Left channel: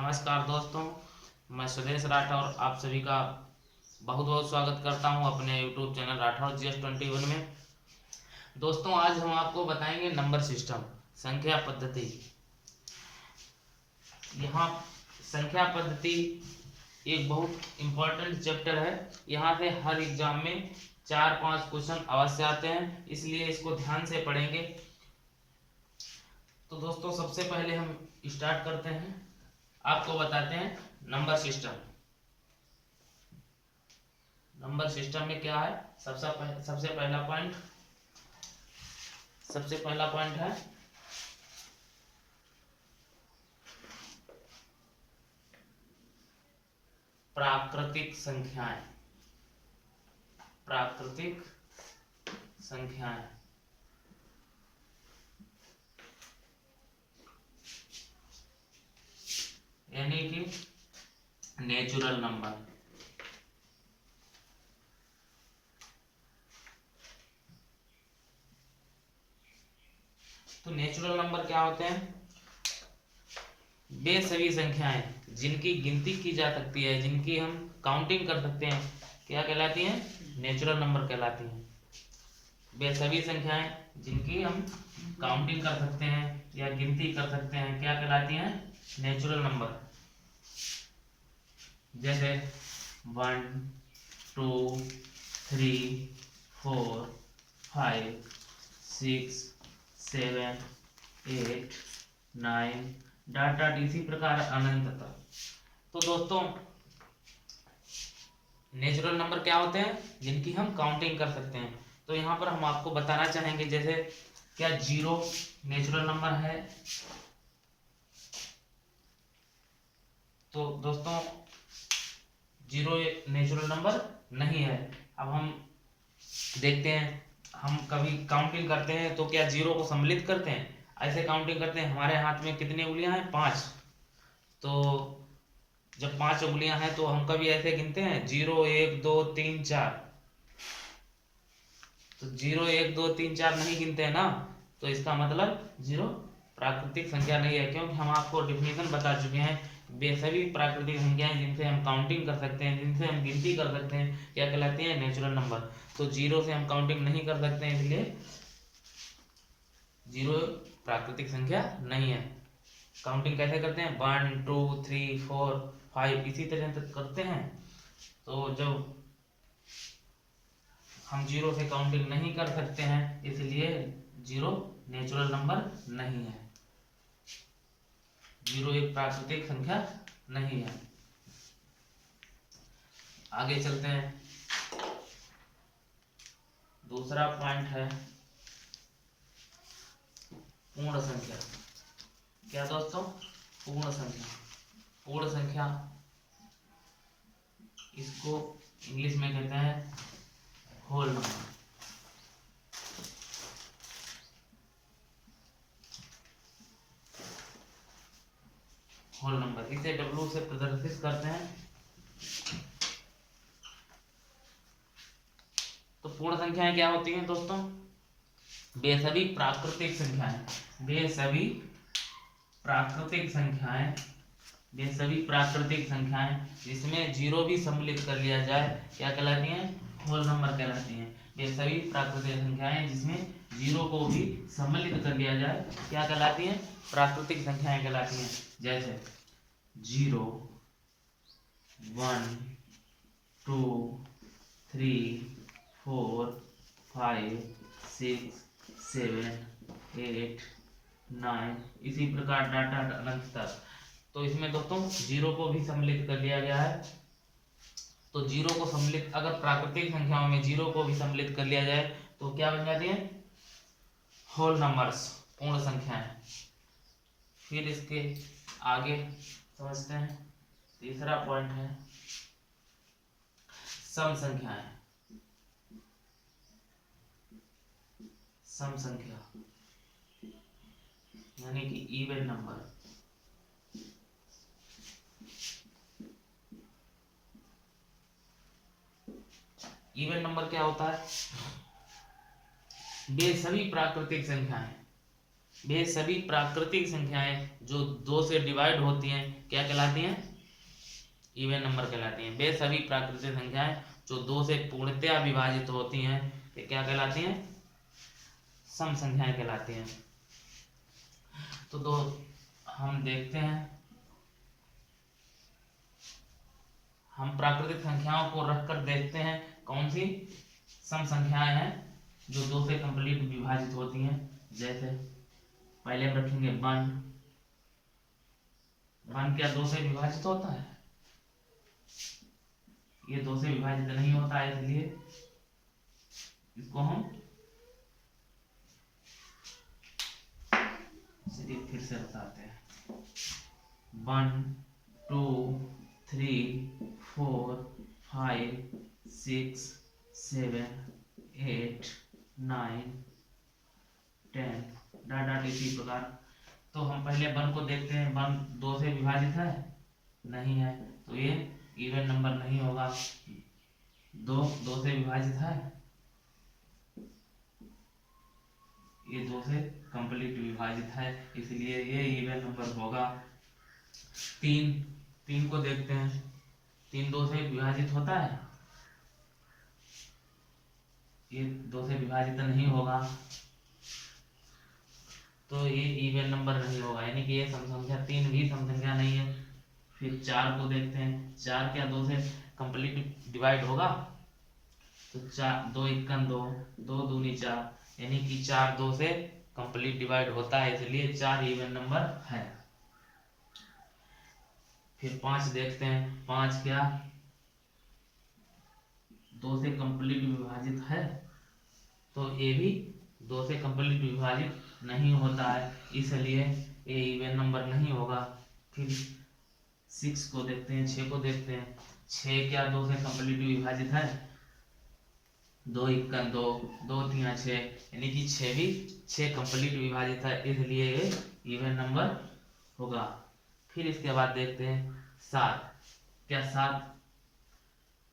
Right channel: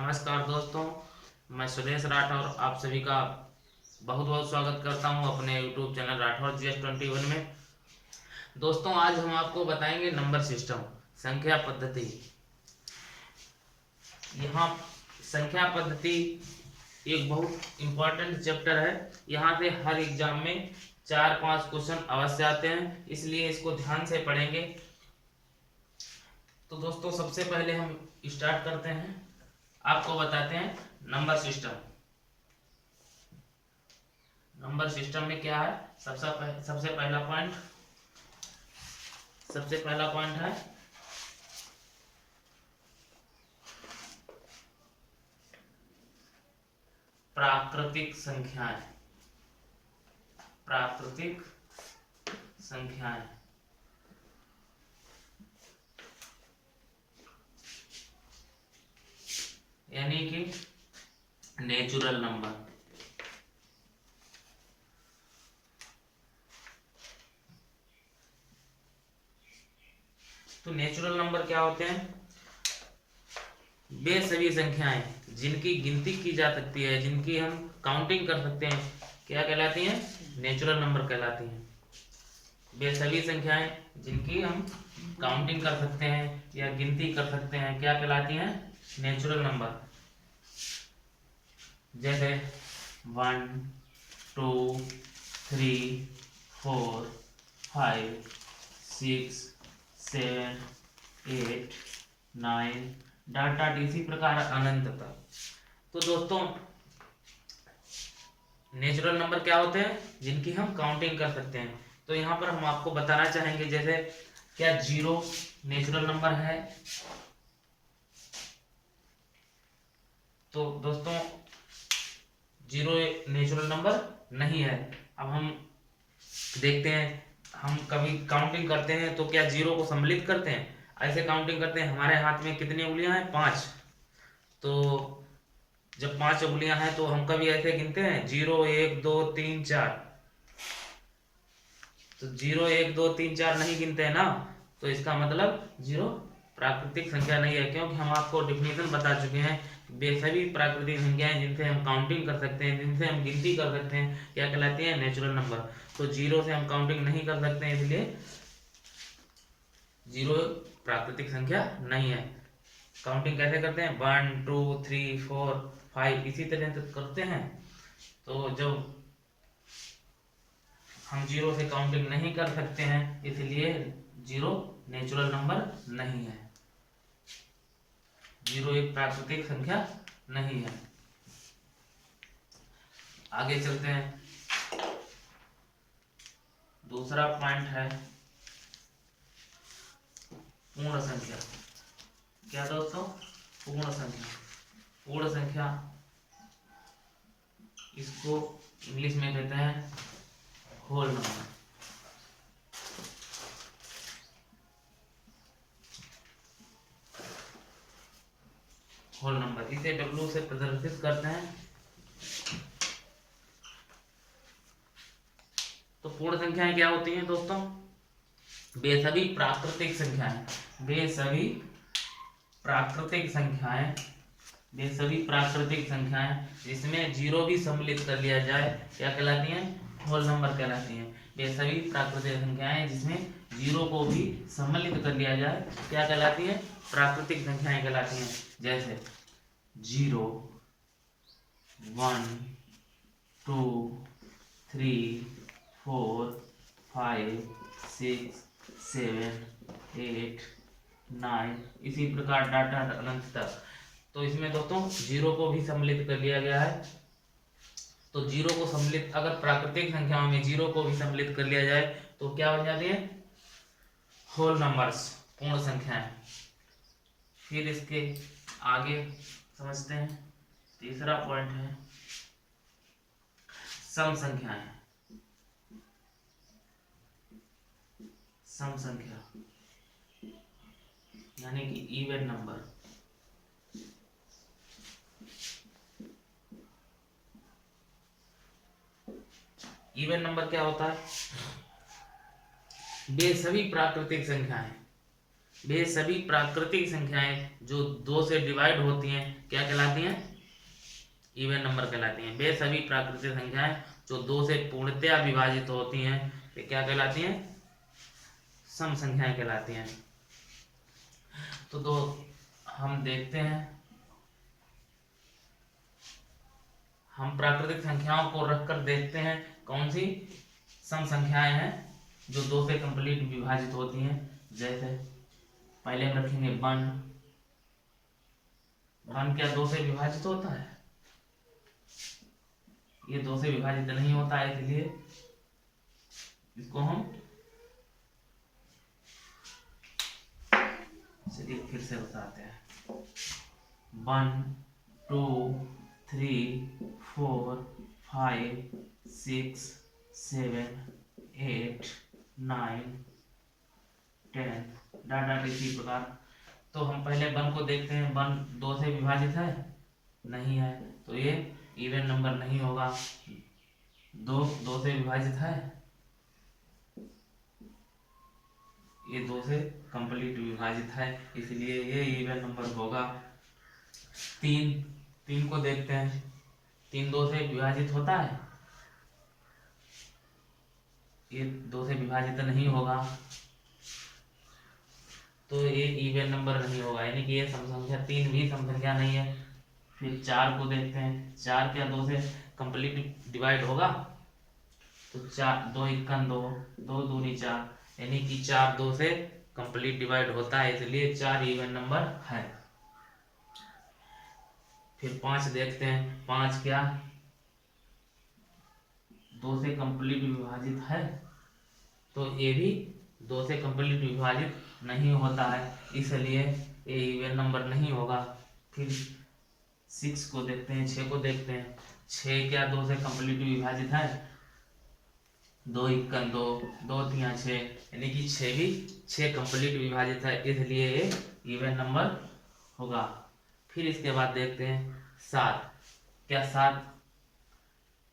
नमस्कार दोस्तों, मैं सुरेश राठौर आप सभी का बहुत बहुत स्वागत करता हूं अपने YouTube चैनल राठौर GS21 में। दोस्तों, आज हम आपको बताएंगे नंबर सिस्टम, संख्या पद्धति। यहाँ संख्या पद्धति एक बहुत इम्पोर्टेंट चैप्टर है। यहाँ से हर एग्जाम में 4-5 क्वेश्चन अवश्य आते हैं, इसलिए इसको ध्यान से पढ़ेंगे। तो दोस्तों, सबसे पहले हम स्टार्ट करते हैं, आपको बताते हैं नंबर सिस्टम। नंबर सिस्टम में क्या है? सबसे पहला पॉइंट है प्राकृतिक संख्याएं। प्राकृतिक संख्याएं यानी कि नेचुरल नंबर। तो नेचुरल नंबर क्या होते हैं? वे सभी संख्याएं जिनकी गिनती की जा सकती है, जिनकी हम काउंटिंग कर सकते हैं, क्या कहलाती हैं? नेचुरल नंबर कहलाती हैं। वे सभी संख्याएं जिनकी हम काउंटिंग कर सकते हैं या गिनती कर सकते हैं, क्या कहलाती हैं? Natural number. जैसे 1 2 3 4 5 6 7 8 9 डाटा इसी प्रकार अनंत तक। तो दोस्तों, नेचुरल नंबर क्या होते हैं? जिनकी हम काउंटिंग कर सकते हैं। तो यहाँ पर हम आपको बताना चाहेंगे, जैसे क्या 0 नेचुरल नंबर है? तो दोस्तों, 0 नेचुरल नंबर नहीं है। अब हम देखते हैं, हम कभी काउंटिंग करते हैं तो क्या 0 को सम्मिलित करते हैं? ऐसे काउंटिंग करते हैं। हमारे हाथ में कितनी उंगलियां हैं? 5। तो जब 5 उंगलियां हैं तो हम कभी ऐसे गिनते हैं 0 1 2 3 4। तो 0 1 2 3 4 नहीं गिनते हैं ना। तो इसका मतलब 0 प्राकृतिक संख्या नहीं है, क्योंकि हम आपको डिफिनेशन बता चुके हैं। वे सभी प्राकृतिक संख्याएं जिनसे हम काउंटिंग कर सकते हैं, जिनसे हम गिनती कर सकते हैं, क्या कहलाती है? Natural number. तो 0 से हम काउंटिंग नहीं कर सकते हैं, इसलिए 0 प्राकृतिक संख्या नहीं है। काउंटिंग कैसे करते हैं? 1 2 3 4 5 इसी तरह से करते हैं। तो जब हम 0 से काउंटिंग नहीं कर सकते हैं, इसलिए 0 नेचुरल नंबर नहीं है। 0 एक प्राकृतिक संख्या नहीं है। आगे चलते हैं। दूसरा पॉइंट है पूर्ण संख्या। क्या दोस्तों? पूर्ण संख्या। पूर्ण संख्या इसको इंग्लिश में कहते हैं होल नंबर। होल नंबर इसे W से प्रदर्शित करते हैं। तो पूर्ण संख्याएं क्या होती हैं दोस्तों? वे सभी प्राकृतिक संख्याएं, वे सभी प्राकृतिक संख्याएं, वे सभी प्राकृतिक संख्याएं जिसमें 0 भी सम्मिलित कर लिया जाए, क्या कहलाती हैं? होल नंबर कहलाती हैं। वे सभी प्राकृतिक संख्याएं जिसमें 0 को भी सम्मिलित कर लिया जाए, क्या कहलाती हैं? प्राकृतिक संख्याएं कहलाती हैं। जैसे 0 1 2 3 4 5 6 7 8 9 इसी प्रकार डाटा अनंत तक। तो इसमें दोस्तों 0 को भी सम्मिलित कर लिया गया है। तो 0 को सम्मिलित, अगर प्राकृतिक संख्याओं में 0 को भी सम्मिलित कर लिया जाए तो क्या बन जाती है? होल नंबर्स, पूर्ण संख्याएं। फिर इसके आगे समझते हैं। तीसरा पॉइंट है सम संख्याएं। सम संख्या यानी कि इवन नंबर। इवन नंबर क्या होता है? वे सभी प्राकृतिक संख्याएं वे सभी प्राकृतिक संख्याएं जो 2 से डिवाइड होती हैं क्या कहलाती हैं? इवन नंबर कहलाती हैं। वे सभी प्राकृतिक संख्याएं जो 2 से पूर्णतया विभाजित होती हैं ये क्या कहलाती हैं? सम संख्याएं कहलाती हैं। तो हम देखते हैं, हम प्राकृतिक संख्याओं को रखकर देखते हैं कौन सी सम संख्याएं हैं जो 2 से कंप्लीट विभाजित होती हैं। जैसे पहले हम रखेंगे 1। 1 क्या 2 से विभाजित होता है? ये 2 से विभाजित नहीं होता है, इसलिए इसको हम चलिए फिर से बताते हैं। 1 2 3 4 5 6 7 8 9 10 डाटा इसी प्रकार। तो हम पहले 1 को देखते हैं। 1 2 से विभाजित है? नहीं है, तो ये इवन नंबर नहीं होगा। 2 से विभाजित है? ये 2 से कंप्लीट विभाजित है, इसलिए ये इवन नंबर होगा। 3 को देखते हैं। 3 2 से विभाजित होता है? ये 2 से विभाजित नहीं होगा, तो ये इवन नंबर नहीं होगा, यानी कि ये सम संख्या 3 भी सम संख्या नहीं है। फिर 4 को देखते हैं। 4 क्या 2 से कंप्लीट डिवाइड होगा? तो 4 2 1 2 2 दूनी 4, यानी कि 4 2 से कंप्लीट डिवाइड होता है, इसलिए 4 इवन नंबर है। फिर 5 देखते हैं। 5 क्या 2 से कंप्लीट विभाजित है? तो ये भी 2 से कंप्लीट विभाजित नहीं होता है, इसलिए ये इवन नंबर नहीं होगा। फिर 6 को देखते हैं। 6 को देखते हैं। 6 क्या 2 से कंप्लीट विभाजित है? 2 1 2 2 3 6, यानी कि 6 भी 6 कंप्लीट विभाजित है, इसलिए ये इवन नंबर होगा। फिर इसके बाद देखते हैं 7। क्या 7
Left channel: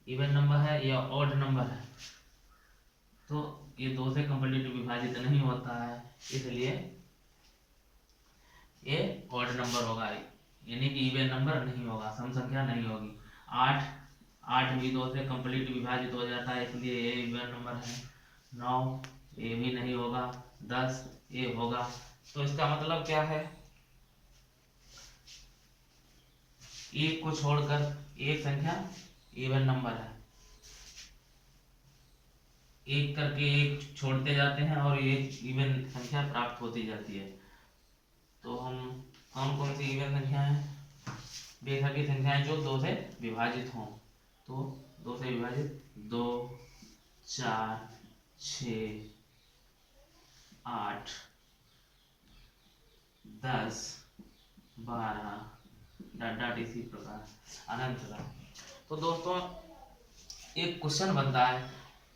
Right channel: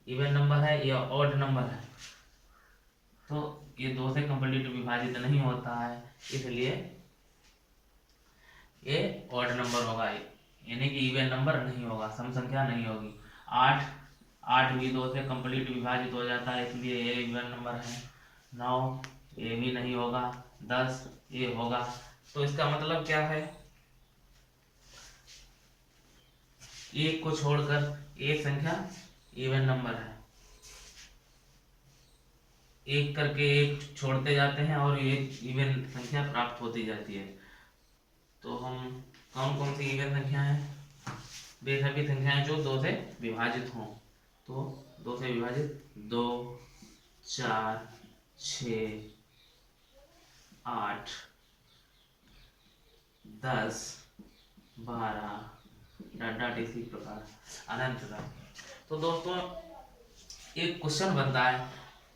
इवन नंबर है या ऑड नंबर है? तो ये 2 से कंप्लीट विभाजित नहीं होता है, इसलिए ये ऑड नंबर होगा, यानी कि इवन नंबर नहीं होगा, सम संख्या नहीं होगी। 8 भी 2 से कंप्लीट विभाजित हो जाता है, इसलिए ये इवन नंबर है। 9 ये भी नहीं होगा। 10 ये होगा। तो इसका मतलब क्या है? एक को छोड़कर एक संख्या इवन नंबर है। एक करके एक छोड़ते जाते हैं और एक इवन संख्या प्राप्त होती जाती है। तो हम कौन कौन सी इवन संख्या है? वे सभी संख्याएं जो 2 से विभाजित हों। तो 2 से विभाजित 2 4 6 8 10 12 डॉट इसी प्रकार अनंत तक। तो दोस्तों एक क्वेश्चन बनता है,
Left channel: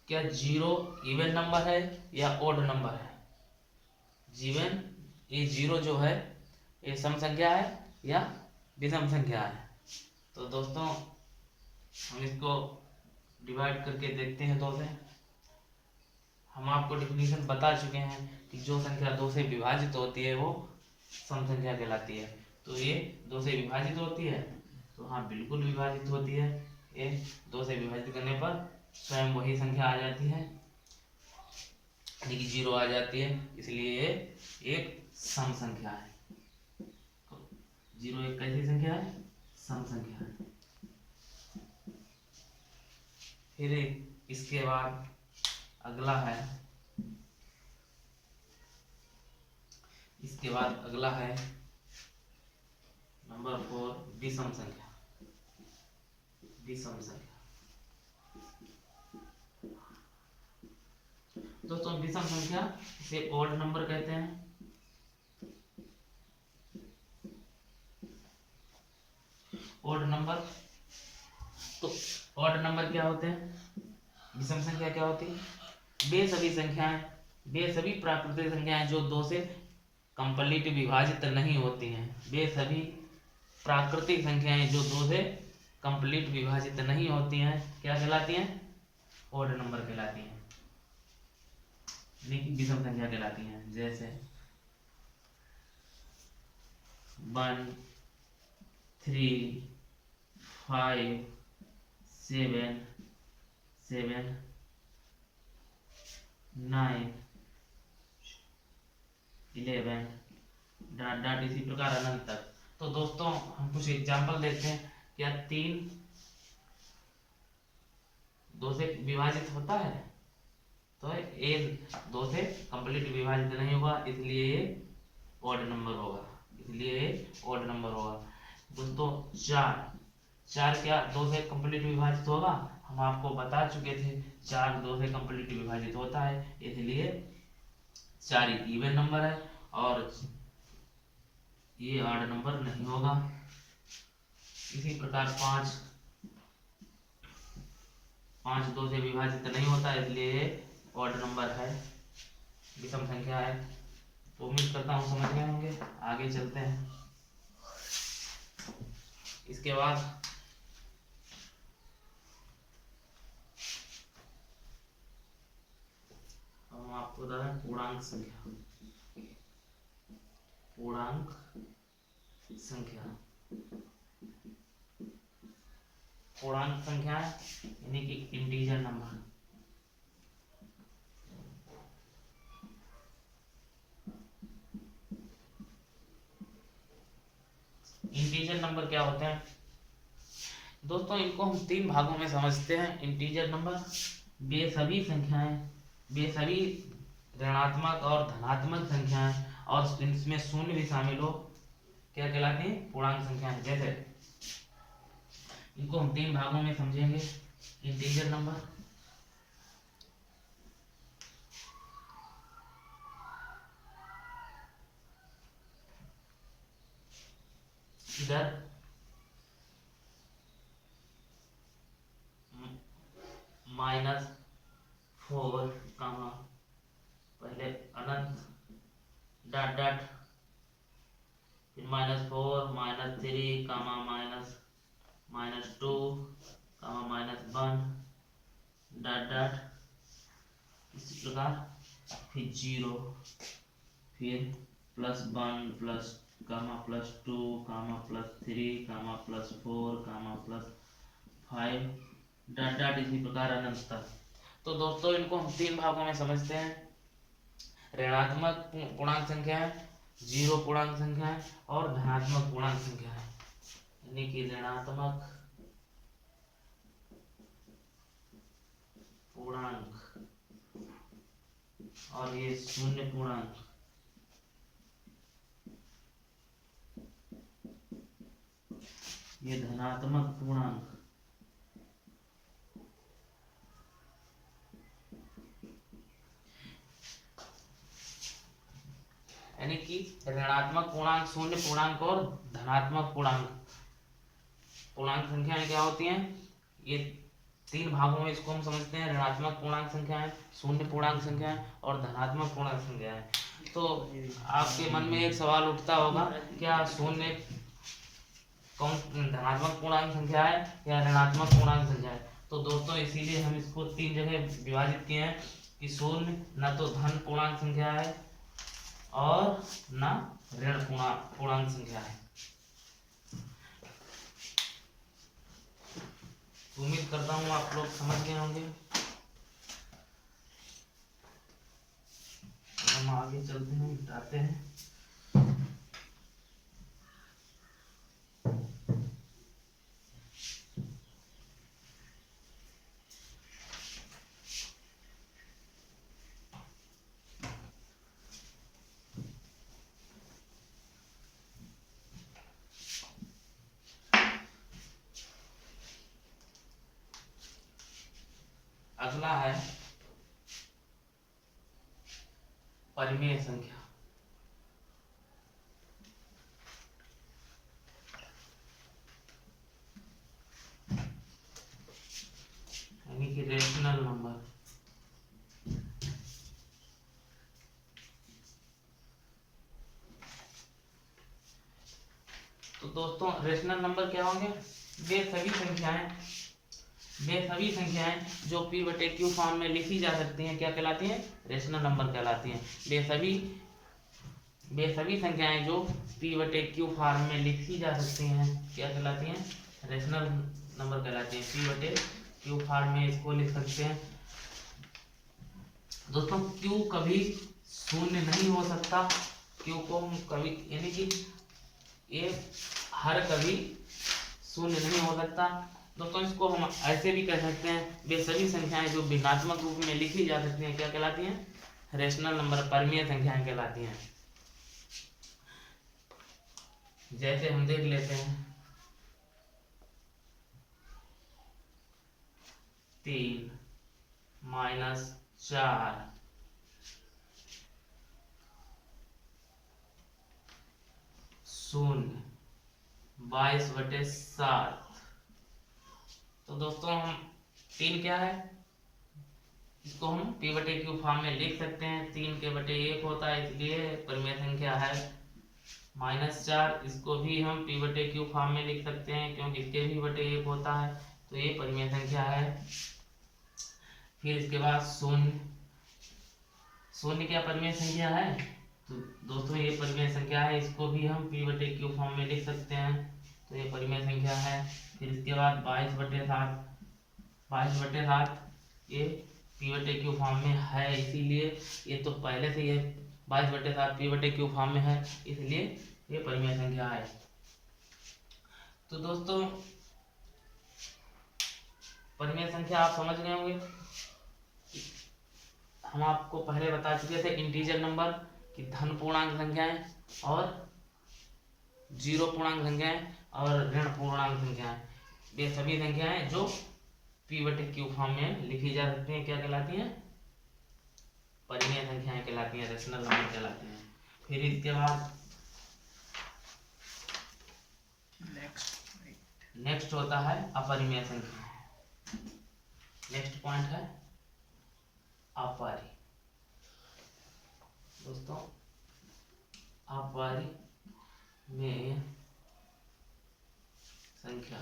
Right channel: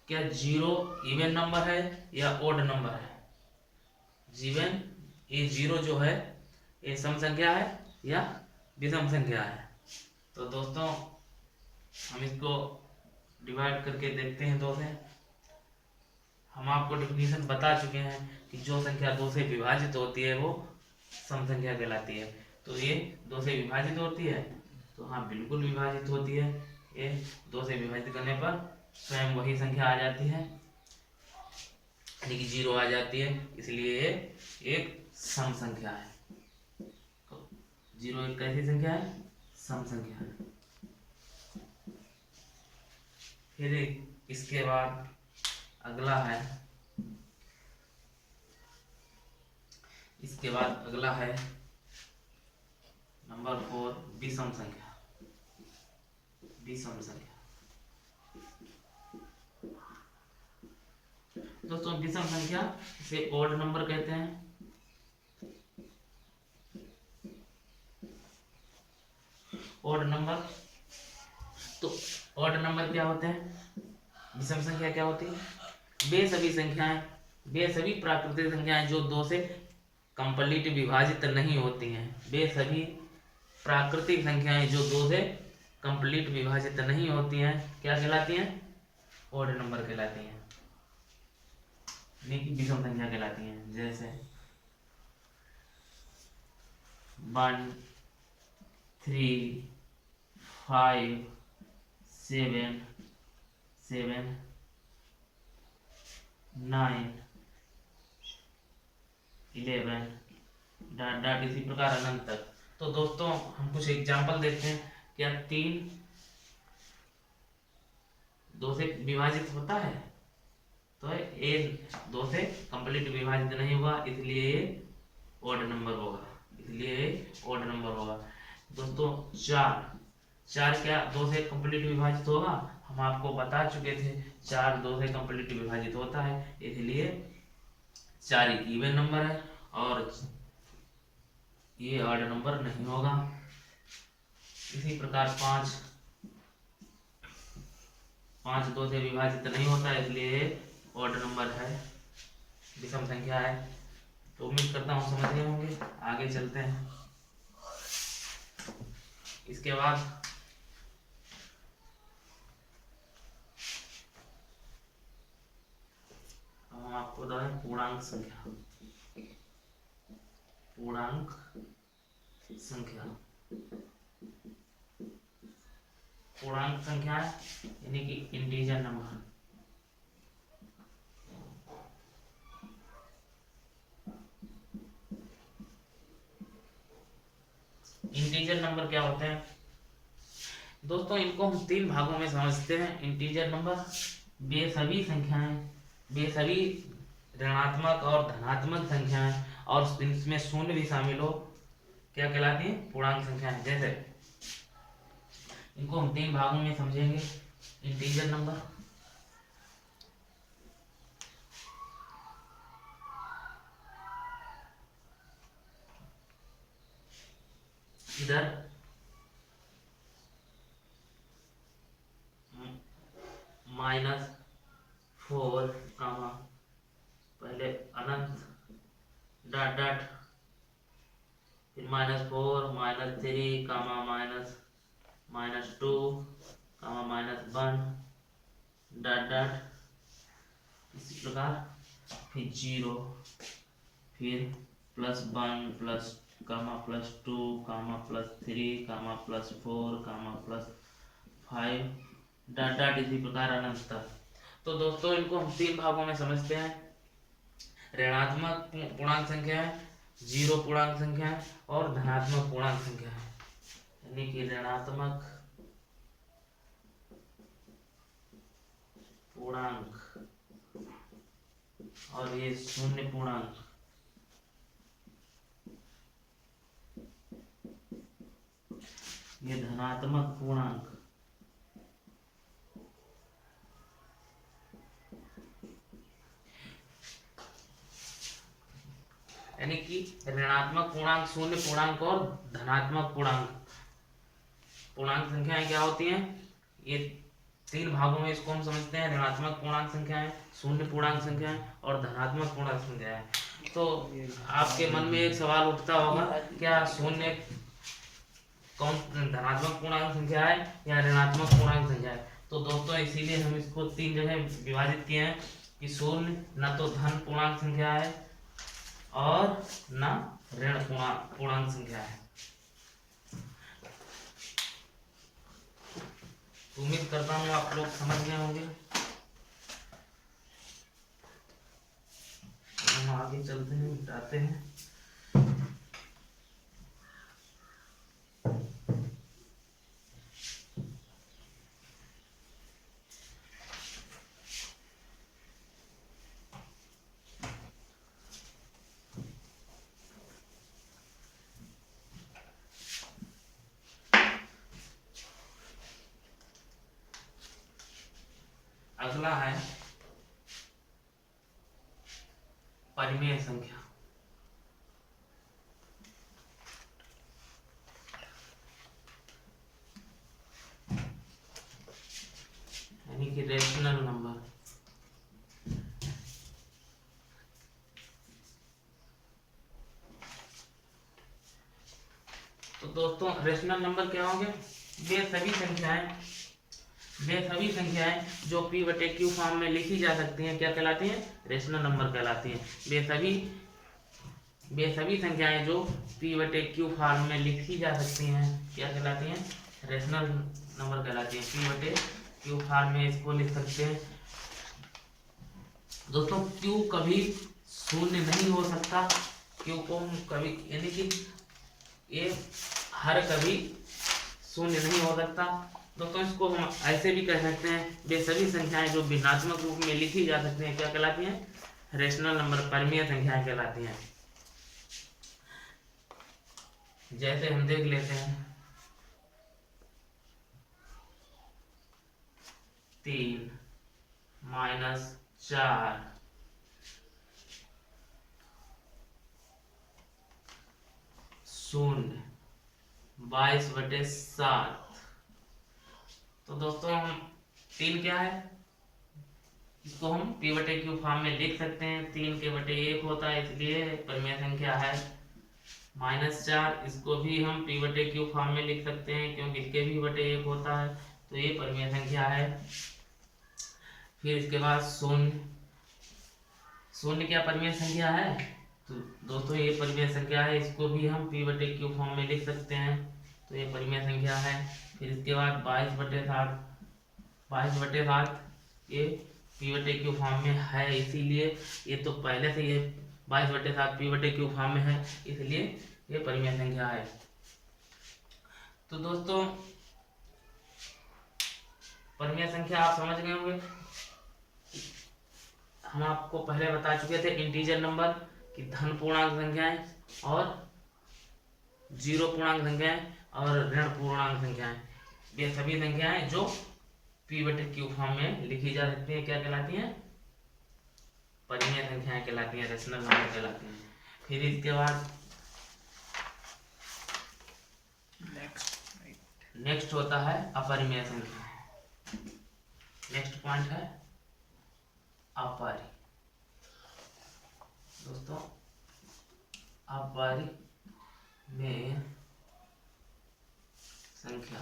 क्या 0 इवन नंबर है या ओड नंबर है? जीवन ये 0 जो है ये सम संख्या है या विषम संख्या है? तो दोस्तों हम इसको डिवाइड करके देखते हैं 2 से। हम आपको डेफिनेशन बता चुके हैं कि जो संख्या 2 से विभाजित होती है वो सम संख्या कहलाती है। तो ये 2 से विभाजित होती है, तो हाँ बिल्कुल विभाजित होती है। ये 2 से विभाजित करने पर स्वयं वही संख्या आ जाती है, यानी कि 0 आ जाती है, इसलिए ये एक सम संख्या है। 0 एक कैसी संख्या है? सम संख्या है। फिर इसके बाद अगला है, नंबर 4 विषम संख्या। विषम संख्या दोस्तों, विषम संख्या से ऑड नंबर कहते हैं। ऑड नंबर, तो ऑड नंबर क्या होते हैं? विषम संख्या क्या होती है? वे सभी प्राकृतिक संख्याएं जो 2 से कंप्लीट विभाजित नहीं होती हैं। वे सभी प्राकृतिक संख्याएं जो 2 से कंप्लीट विभाजित नहीं होती हैं क्या कहलाती हैं? ऑड नंबर कहलाती हैं, यानी कि विषम संख्या कहलाती हैं। जैसे 1 3 5 7 7 9 11 डॉट डॉट इसी प्रकार अनंत तक। तो दोस्तों हम कुछ एग्जाम्पल देखते हैं। क्या 3 2 से विभाजित होता है? तो ये 2 से कंप्लीट विभाजित नहीं होगा, इसलिए ये ऑड नंबर होगा, इसलिए ये ऑड नंबर होगा। दोस्तों 4 क्या 2 से कंप्लीट विभाजित होगा? हम आपको बता चुके थे 4 2 से कंप्लीट विभाजित होता है, इसलिए 4 एक इवन नंबर है और ये ऑड नंबर नहीं होगा। इसी प्रकार 5 2 से विभाजित नहीं होता, इसलिए ऑड नंबर है, विषम संख्या है। तो उम्मीद करता हूँ समझ गए होंगे। आगे चलते हैं। इसके बाद हम आपको बता दें पूर्णांक संख्या। पूर्णांक संख्या पूर्णांक संख्या यानी कि इंटीजर नंबर। इंटीजर नंबर क्या होते हैं दोस्तों? इनको हम 3 भागों में समझते हैं। इंटीजर नंबर वे सभी संख्याएं, वे सभी ऋणात्मक और धनात्मक संख्याएं और इनमें शून्य भी शामिल हो, क्या कहलाती हैं? पूर्णांक संख्याएं। जैसे इनको हम 3 भागों में समझेंगे। इंटीजर नंबर इधर -4 कामा पहले अनंत डॉट डॉट फिर -4 -3 कामा -2 कामा -1 डॉट डॉट इसी प्रकार फिर 0 फिर +1 प्लस कामा +2 कामा +3 कामा +4 कामा +5 डॉट डॉट इसी प्रकार अनंत तक। तो दोस्तों इनको हम 3 भागों में समझते हैं। ऋणात्मक पूर्णांक संख्या है, 0 पूर्णांक संख्या है और धनात्मक पूर्णांक संख्या है। यानी कि ऋणात्मक पूर्णांक और ये शून्य पूर्णांक। ये धनात्मक पूर्णांक। यानी कि ऋणात्मक पूर्णांक, शून्य पूर्णांक और धनात्मक पूर्णांक। पूर्णांक संख्याएं क्या होती हैं? ये 3 भागों में इसको हम समझते हैं। ऋणात्मक पूर्णांक संख्याएं, शून्य पूर्णांक संख्याएं और धनात्मक पूर्णांक संख्याएं। तो आपके मन में एक सवाल उठता होगा, क्या शून्य कौन धनात्मक पूर्णांक संख्या है या ऋणात्मक पूर्णांक संख्या है? तो दोस्तों इसीलिए हम इसको 3 जगह विभाजित किए हैं कि शून्य न तो धन पूर्णांक संख्या है और न ऋण पूर्णांक संख्या है। उम्मीद करता हूँ आप लोग समझ गए होंगे। हम आगे चलते हैं, मिटाते हैं। अगला है परिमेय संख्या। यानी कि रेशनल नंबर। तो दोस्तों रेशनल नंबर क्या होंगे? वे सभी संख्याएं जो P/Q फॉर्म में लिखी जा सकती हैं क्या कहलाती हैं? रेशनल नंबर कहलाती हैं। वे सभी वे सभी संख्याएं जो p बटे क्यू फॉर्म में लिखी जा सकती हैं क्या कहलाती हैं? रेशनल नंबर कहलाती हैं। p बटे क्यू फॉर्म में इसको लिख सकते हैं। दोस्तों q कभी शून्य नहीं हो सकता, q को हम कभी यानी कि ये हर कभी शून्य नहीं हो सकता। दोस्तों इसको हम ऐसे भी कह सकते हैं, वे सभी संख्याएं जो भिन्नात्मक रूप में लिखी जा सकती हैं क्या कहलाती हैं? रेशनल नंबर, परिमेय संख्याएं कहलाती हैं। जैसे हम देख लेते हैं 3 - 4 0 22/7। तो दोस्तों हम 3 क्या है, इसको हम p बटे क्यू फॉर्म में लिख सकते हैं। 3 के बटे 1 होता है इसलिए परिमेय संख्या है। -4 इसको भी हम p बटे क्यू फॉर्म में लिख सकते हैं क्योंकि इसके भी बटे 1 होता है, तो ये परिमेय संख्या है। फिर इसके बाद 0 क्या परिमेय संख्या है? तो दोस्तों ये परिमेय संख्या है, इसको भी हम p बटे क्यू फॉर्म में लिख सकते हैं, तो ये परिमेय संख्या है। फिर इसके बाद 22/7 ये p बटे क्यू फॉर्म में है, इसीलिए ये तो पहले से ये 22/7 p बटे क्यू फॉर्म में है, इसलिए ये परिमेय संख्या है। तो दोस्तों परिमेय संख्या आप समझ गए होंगे। हम आपको पहले बता चुके थे इंटीजर नंबर की धन पूर्णांक संख्याएं और जीरो पूर्णांक संख्याएं और ऋण पूर्णांक संख्याएं, ये सभी संख्याएं जो p बटे क्यू फॉर्म में लिखी जा सकती हैं क्या कहलाती हैं? परिमेय संख्याएं कहलाती हैं, रेशनल नंबर कहलाती हैं। फिर इसके बाद नेक्स्ट होता है अपरिमेय संख्या। नेक्स्ट पॉइंट है अपरिमेय। दोस्तों अपरिमेय संख्या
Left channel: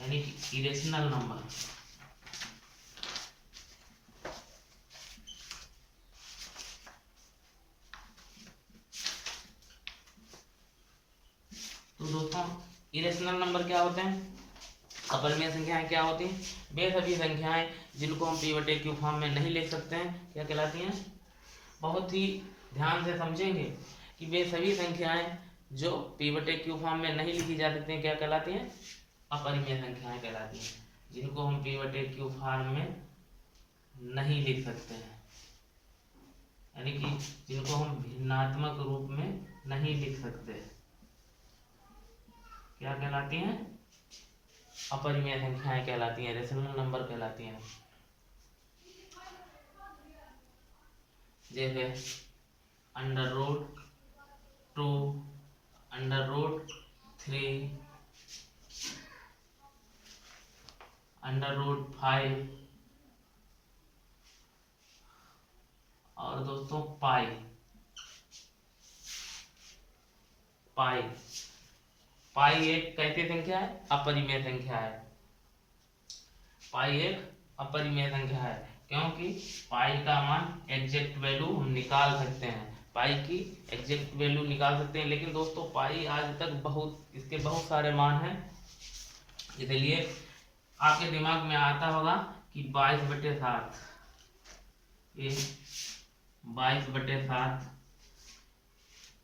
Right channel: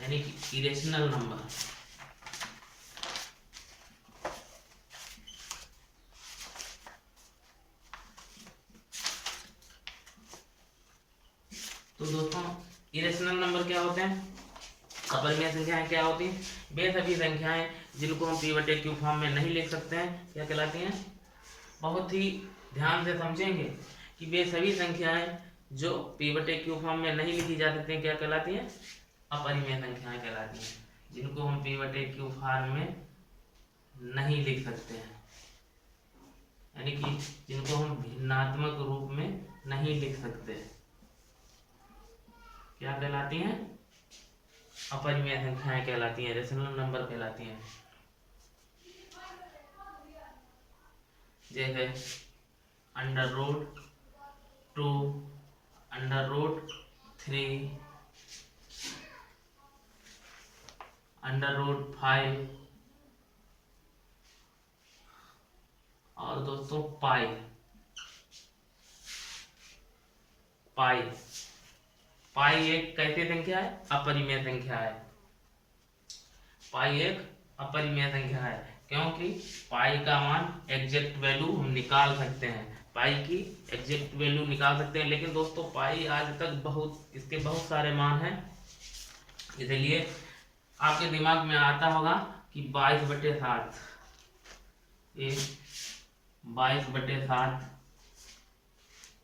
यानी कि इरेशनल नंबर। तो दोस्तों इरेशनल नंबर क्या होते हैं? अपरिमेय संख्याएं क्या होती हैं? वे सभी संख्याएं जिनको हम p बटे क्यू फॉर्म में नहीं लिख सकते हैं क्या कहलाती हैं? बहुत ही ध्यान से समझेंगे कि वे सभी संख्याएं जो p बटे क्यू फॉर्म में नहीं लिखी जा सकती हैं क्या कहलाती हैं? अपरिमेय संख्याएं कहलाती हैं, जिनको हम p बटे क्यू फॉर्म में नहीं लिख सकते हैं, यानी कि जिनको हम भिन्नात्मक रूप में नहीं लिख सकते, क्या कहलाती हैं? अपरिमेय संख्याएं कहलाती हैं, रेशनल नंबर कहलाती हैं। जैसे √2 √3 √5 और दोस्तों पाई एक कैसी संख्या है? अपरिमेय संख्या है। पाई एक अपरिमेय संख्या है क्योंकि पाई का मान एग्जैक्ट वैल्यू हम निकाल सकते हैं, पाई की एग्जैक्ट वैल्यू निकाल सकते हैं। लेकिन दोस्तों पाई आज तक इसके बहुत सारे मान हैं, इसलिए आपके दिमाग में आता होगा कि 22/7 ये 22/7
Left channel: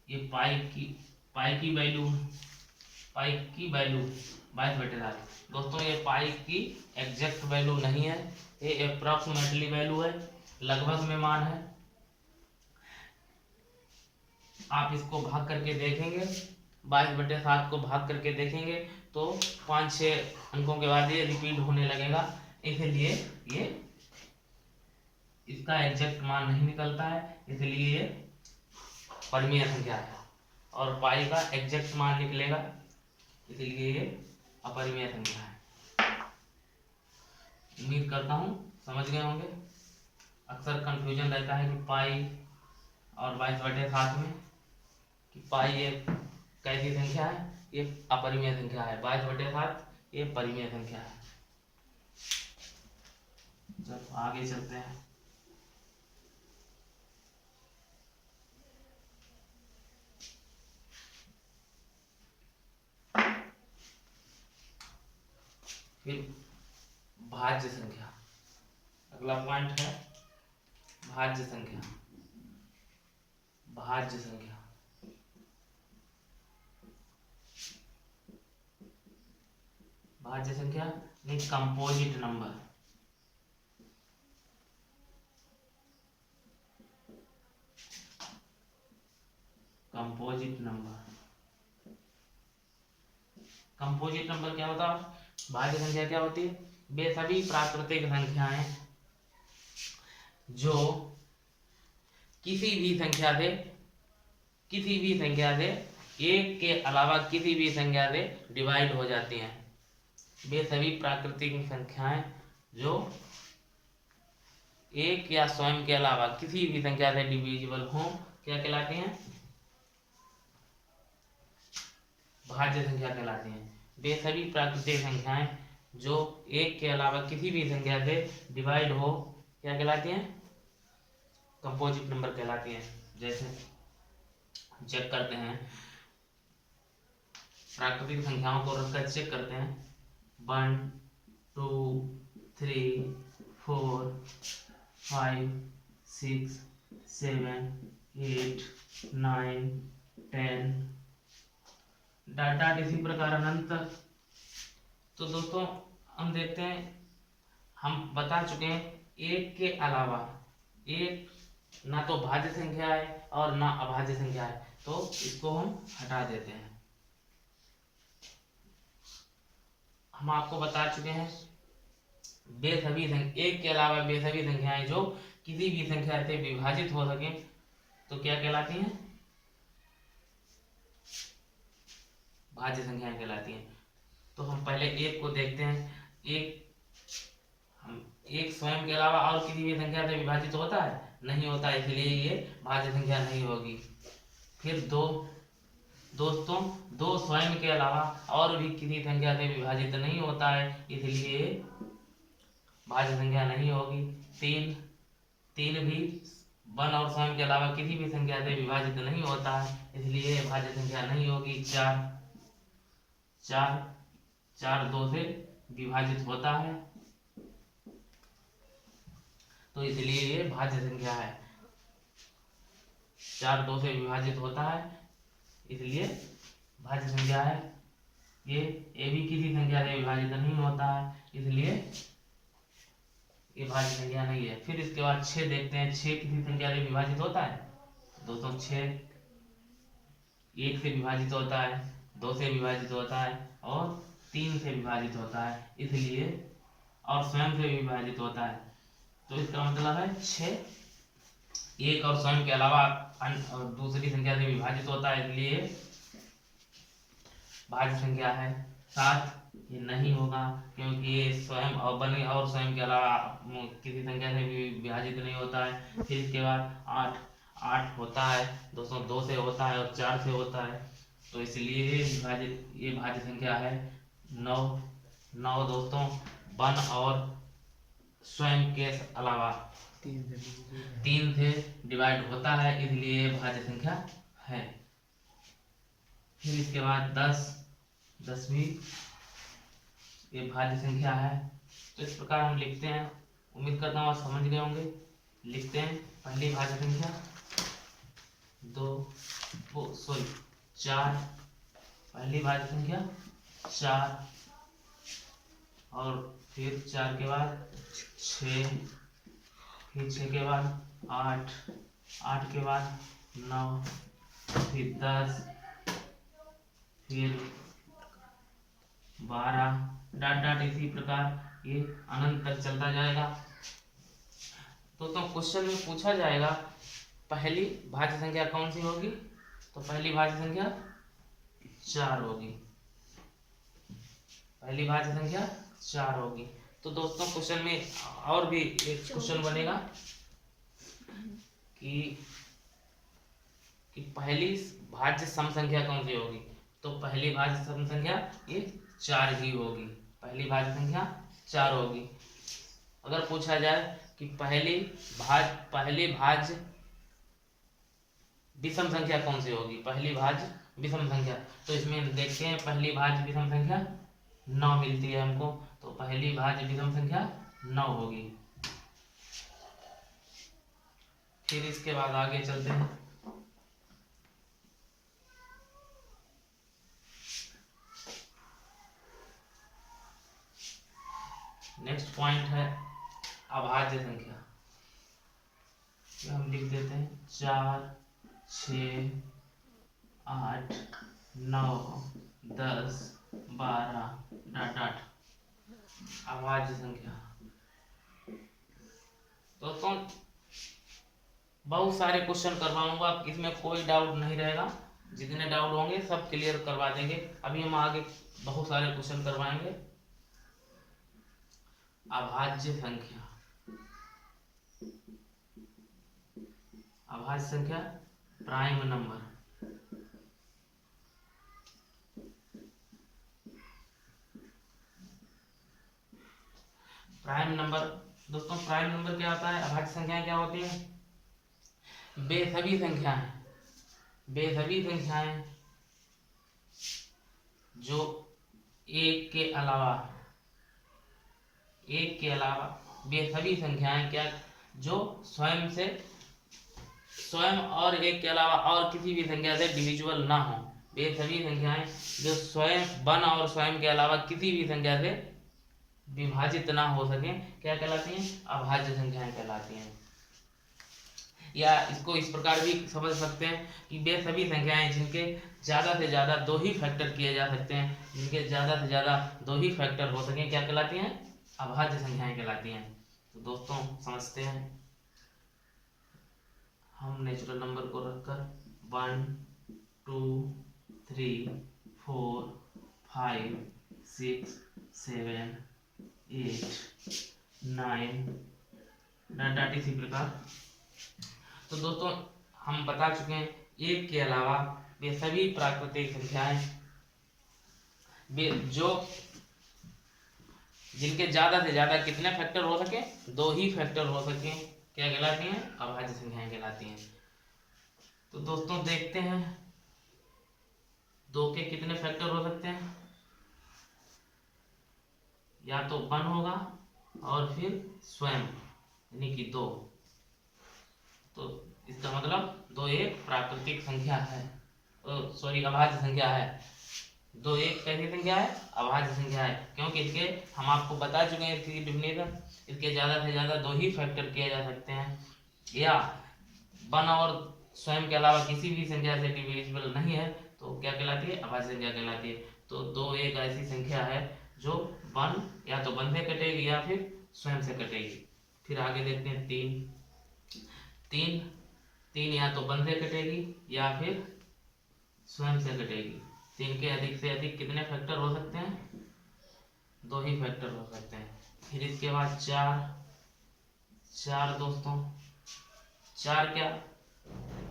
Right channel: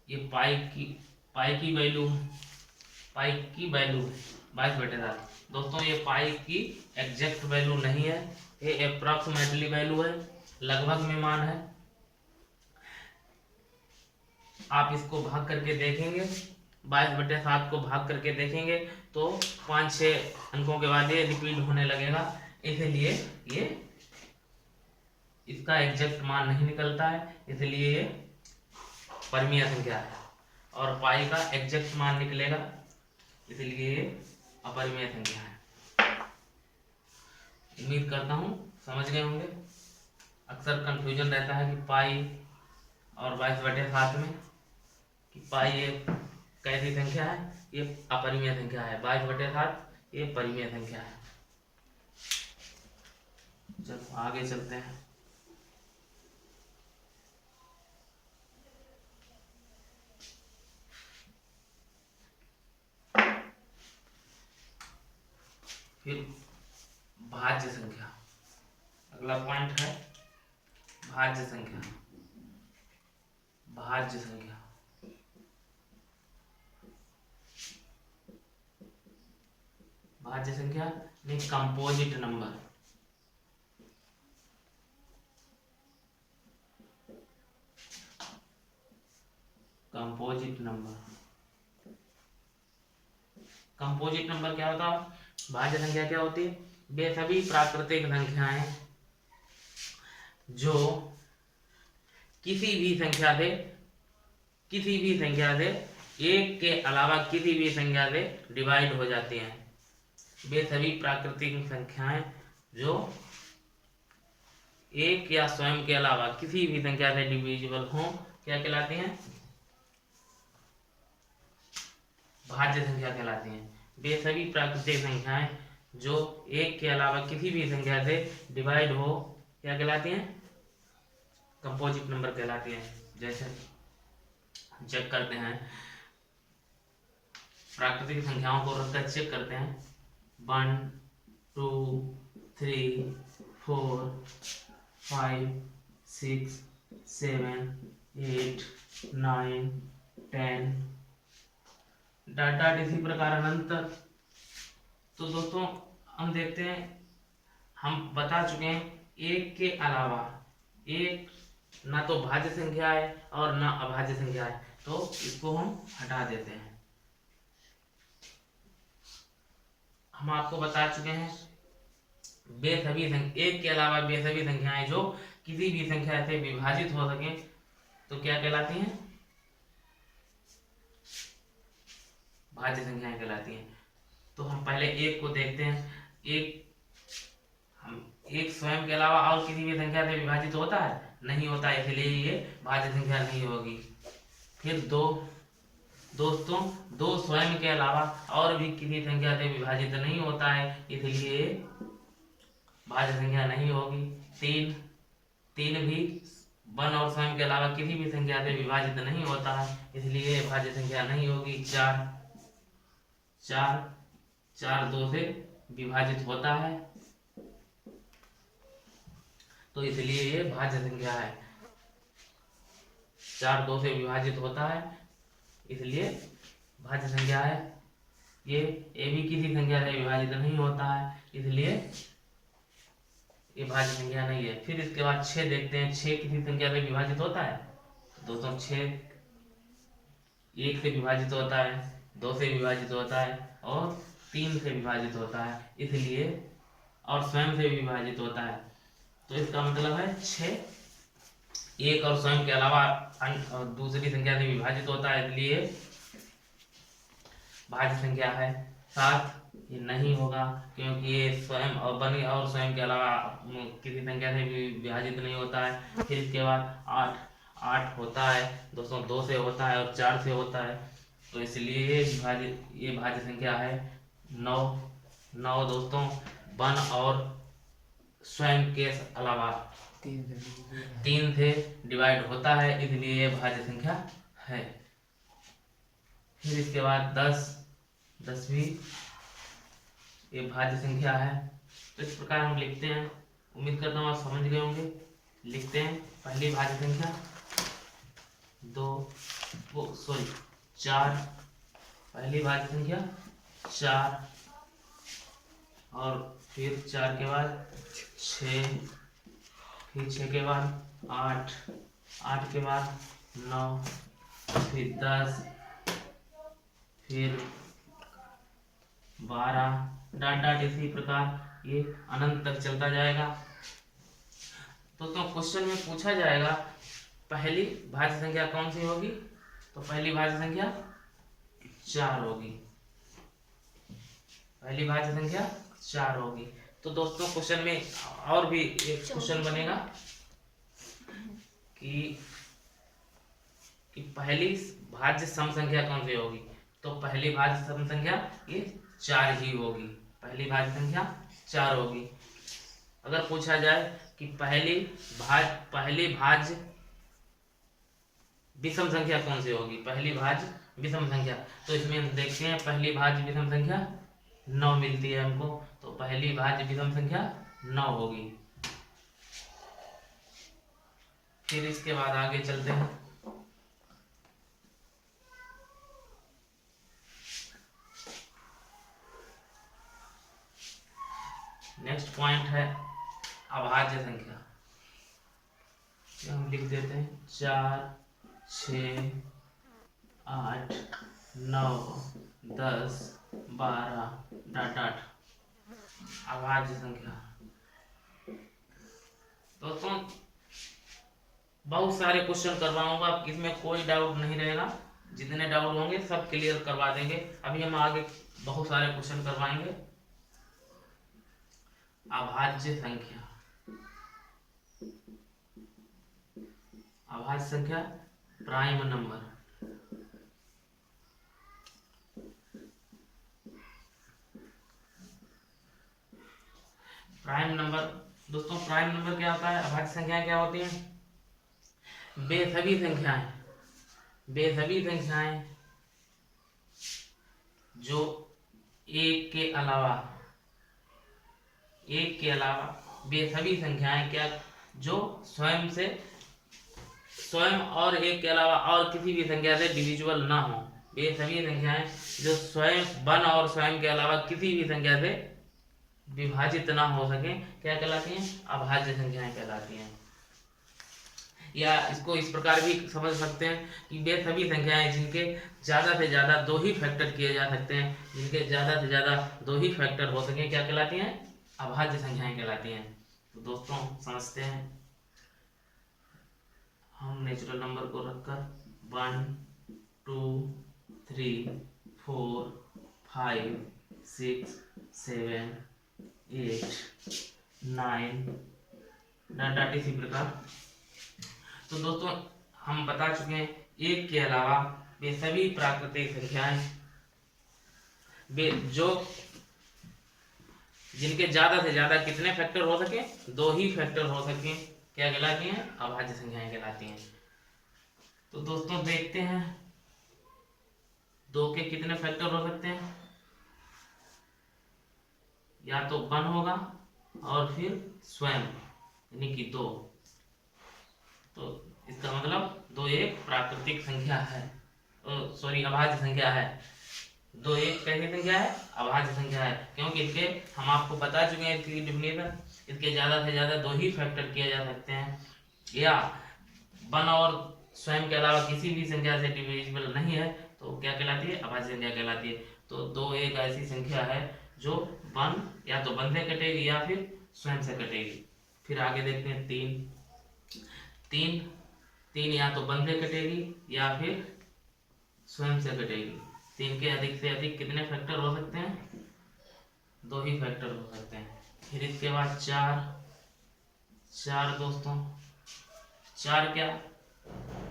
ये पाई की वैल्यू है 22/7। दोस्तों ये पाई की एग्जैक्ट वैल्यू नहीं है, ये अप्रॉक्सीमेटली वैल्यू है, लगभग में मान है। आप इसको भाग करके देखेंगे, 22/7 को भाग करके देखेंगे तो 5-6 अंकों के बाद ये रिपीट होने लगेगा, इसलिए ये इसका एग्जैक्ट मान नहीं निकलता है, इसलिए ये परिमेय संख्या है। और पाई का एग्जैक्ट मान निकलेगा, इसलिए ये अपरिमेय संख्या है। उम्मीद करता हूँ समझ गए होंगे। अक्सर कंफ्यूजन रहता है कि पाई और 22/7 में कि पाई एक कैसी संख्या है, ये अपरिमेय संख्या है, 22/7 ये परिमेय संख्या है। जब आगे चलते हैं फिर भाज्य संख्या, अगला पॉइंट है भाज्य संख्या। भाज्य संख्या, भाज्य संख्या नहीं, composite number. Composite number, composite number क्या होता है? भाज्य संख्या क्या होती है? वे सभी प्राकृतिक संख्याएं जो किसी भी संख्या से एक के अलावा किसी भी संख्या से डिवाइड हो जाती हैं। वे सभी प्राकृतिक संख्याएं जो एक या स्वयं के अलावा किसी भी संख्या से डिविजिबल हों, क्या कहलाती हैं? भाज्य संख्या कहलाती हैं। वे सभी प्राकृतिक संख्याएं जो एक के अलावा किसी भी संख्या से डिवाइड हो, क्या कहलाती हैं? कंपोजिट नंबर कहलाती हैं। जैसे चेक करते हैं, प्राकृतिक संख्याओं को रखकर चेक करते हैं। 1 2 3 4 5 6 7 8 9 10 डाटा इसी प्रकार अनंत। तो दोस्तों हम देखते हैं, हम बता चुके हैं एक के अलावा एक ना तो भाज्य संख्या है और ना अभाज्य संख्या है, तो इसको हम हटा देते हैं। हम आपको बता चुके हैं वे सभी एक के अलावा वे सभी संख्याएं जो किसी भी संख्या से विभाजित हो सके तो क्या कहलाती हैं? भाज्य संख्याएं कहलाती हैं। तो हम पहले एक को देखते हैं। एक स्वयं के अलावा और किसी भी संख्या से विभाजित होता है? नहीं होता, इसलिए ये भाज्य संख्या नहीं होगी। फिर दोस्तों दो स्वयं के अलावा और भी किसी संख्या से विभाजित नहीं होता है, इसलिए भाज्य संख्या नहीं होगी। तीन भी 1 और स्वयं के अलावा किसी भी संख्या से विभाजित नहीं होता है, इसलिए भाज्य संख्या नहीं होगी। 4 2 से विभाजित होता है, तो इसलिए ये भाज्य संख्या है। 4 2 से विभाजित होता है, इसलिए भाज्य संख्या है। ये भी किसी संख्या से विभाजित नहीं होता है, इसलिए ये भाज्य संख्या नहीं है। फिर इसके बाद 6 देखते हैं। 6 किसी संख्या से विभाजित होता है? दोस्तों 6 1 से विभाजित होता है, 2 से विभाजित होता है और 3 से विभाजित होता है, इसलिए और स्वयं से विभाजित होता है। तो इसका मतलब है 6 1 और स्वयं के अलावा दूसरी संख्या से विभाजित होता है, इसलिए भाज्य संख्या है। 7 ये नहीं होगा क्योंकि ये स्वयं और बनी और स्वयं के अलावा किसी संख्या से भी विभाजित नहीं होता है। फिर इसके बाद 8 होता है दोस्तों, 2 से होता है और 4 से होता है, तो इसलिए ये भाज्य संख्या है। 9 दोस्तों 1 और स्वयं के अलावा 3 से डिवाइड होता है, इसलिए ये भाज्य संख्या है। फिर इसके बाद 10 भी ये भाज्य संख्या है। तो इस प्रकार हम लिखते हैं। उम्मीद करता हूँ आप समझ गए होंगे। लिखते हैं पहली भाज्य संख्या 4, पहली भाज्य संख्या 4 और फिर 4 के बाद 6, फिर 6 के बाद 8 के बाद 9, फिर 10, फिर 12 डाट इसी प्रकार ये अनंत तक चलता जाएगा। तो क्वेश्चन में पूछा जाएगा पहली भाज्य संख्या कौन सी होगी, तो पहली भाज्य संख्या 4 होगी। पहली भाज्य संख्या 4 होगी। तो दोस्तों क्वेश्चन में और भी एक क्वेश्चन बनेगा कि पहली भाज्य सम संख्या कौन सी होगी, तो पहली भाज्य सम संख्या ये 4 ही होगी। पहली भाज्य संख्या 4 होगी। अगर पूछा जाए कि पहली भाज्य विषम संख्या कौन सी होगी, पहली भाज्य विषम संख्या, तो इसमें देखते हैं पहली भाज्य विषम संख्या 9 मिलती है हमको, तो पहली भाज्य विषम संख्या 9 होगी। फिर इसके बाद आगे चलते हैं। नेक्स्ट पॉइंट है अभाज्य संख्या। हम लिख देते हैं 4, 6, 8, 9, 10, 12 डॉट डॉट अभाज्य संख्या। दोस्तों बहुत सारे क्वेश्चन करवाऊंगा, इसमें कोई डाउट नहीं रहेगा, जितने डाउट होंगे सब क्लियर करवा देंगे। अभी हम आगे बहुत सारे क्वेश्चन करवाएंगे। अभाज्य संख्या, अभाज्य संख्या प्राइम नंबर। प्राइम नंबर दोस्तों, प्राइम नंबर क्या होता है? अभाज्य संख्याएं क्या होती हैं? बेसभी संख्याएं, बेसभी संख्याएं जो एक के अलावा बेसभी संख्याएं क्या, जो स्वयं और एक के अलावा और किसी भी संख्या से डिविजिबल ना हो। बेसभी संख्याएं जो स्वयं वन और स्वयं के अलावा किसी भी संख्या से विभाजित ना हो सके क्या कहलाती हैं? अभाज्य संख्याएं कहलाती हैं। या इसको इस प्रकार भी समझ सकते हैं कि वे सभी संख्याएं जिनके ज़्यादा से ज़्यादा 2 ही फैक्टर किए जा सकते हैं, जिनके ज़्यादा से ज़्यादा 2 ही फैक्टर हो सके क्या कहलाती हैं? अभाज्य संख्याएं कहलाती हैं। तो दोस्तों समझते हैं, हम नेचुरल नंबर को रखकर 1, 2, 3, 4, 5, 6, 7, 8, 9 डॉट इसी प्रकार। तो दोस्तों हम बता चुके हैं एक के अलावा वे सभी प्राकृतिक संख्याएं वे जो जिनके ज्यादा से ज्यादा कितने फैक्टर हो सके? 2 ही फैक्टर हो सके क्या कहलाती हैं? अभाज्य संख्याएं कहलाती हैं। तो दोस्तों देखते हैं 2 के कितने फैक्टर हो सकते हैं। या तो 1 होगा और फिर स्वयं यानी कि 2। तो इसका मतलब 2 एक प्राकृतिक संख्या है, सॉरी अभाज्य संख्या है। 2 एक कैसी संख्या है? अभाज्य संख्या है, क्योंकि इसके हम आपको बता चुके हैं इसकी डिफिनेशन। इसके ज़्यादा से ज़्यादा 2 ही फैक्टर किए जा सकते हैं, या 1 और स्वयं के अलावा किसी भी संख्या से डिविजिबल नहीं है, तो क्या कहलाती है? अभाज्य संख्या कहलाती है। तो 2 एक ऐसी संख्या है जो 1 या तो 1 से कटेगी या फिर स्वयं से कटेगी। फिर आगे देखते हैं 3 या तो 1 से कटेगी या फिर स्वयं से कटेगी। 3 के अधिक से अधिक कितने फैक्टर हो सकते हैं? 2 ही फैक्टर हो सकते हैं। फिर इसके बाद 4 दोस्तों, 4 क्या,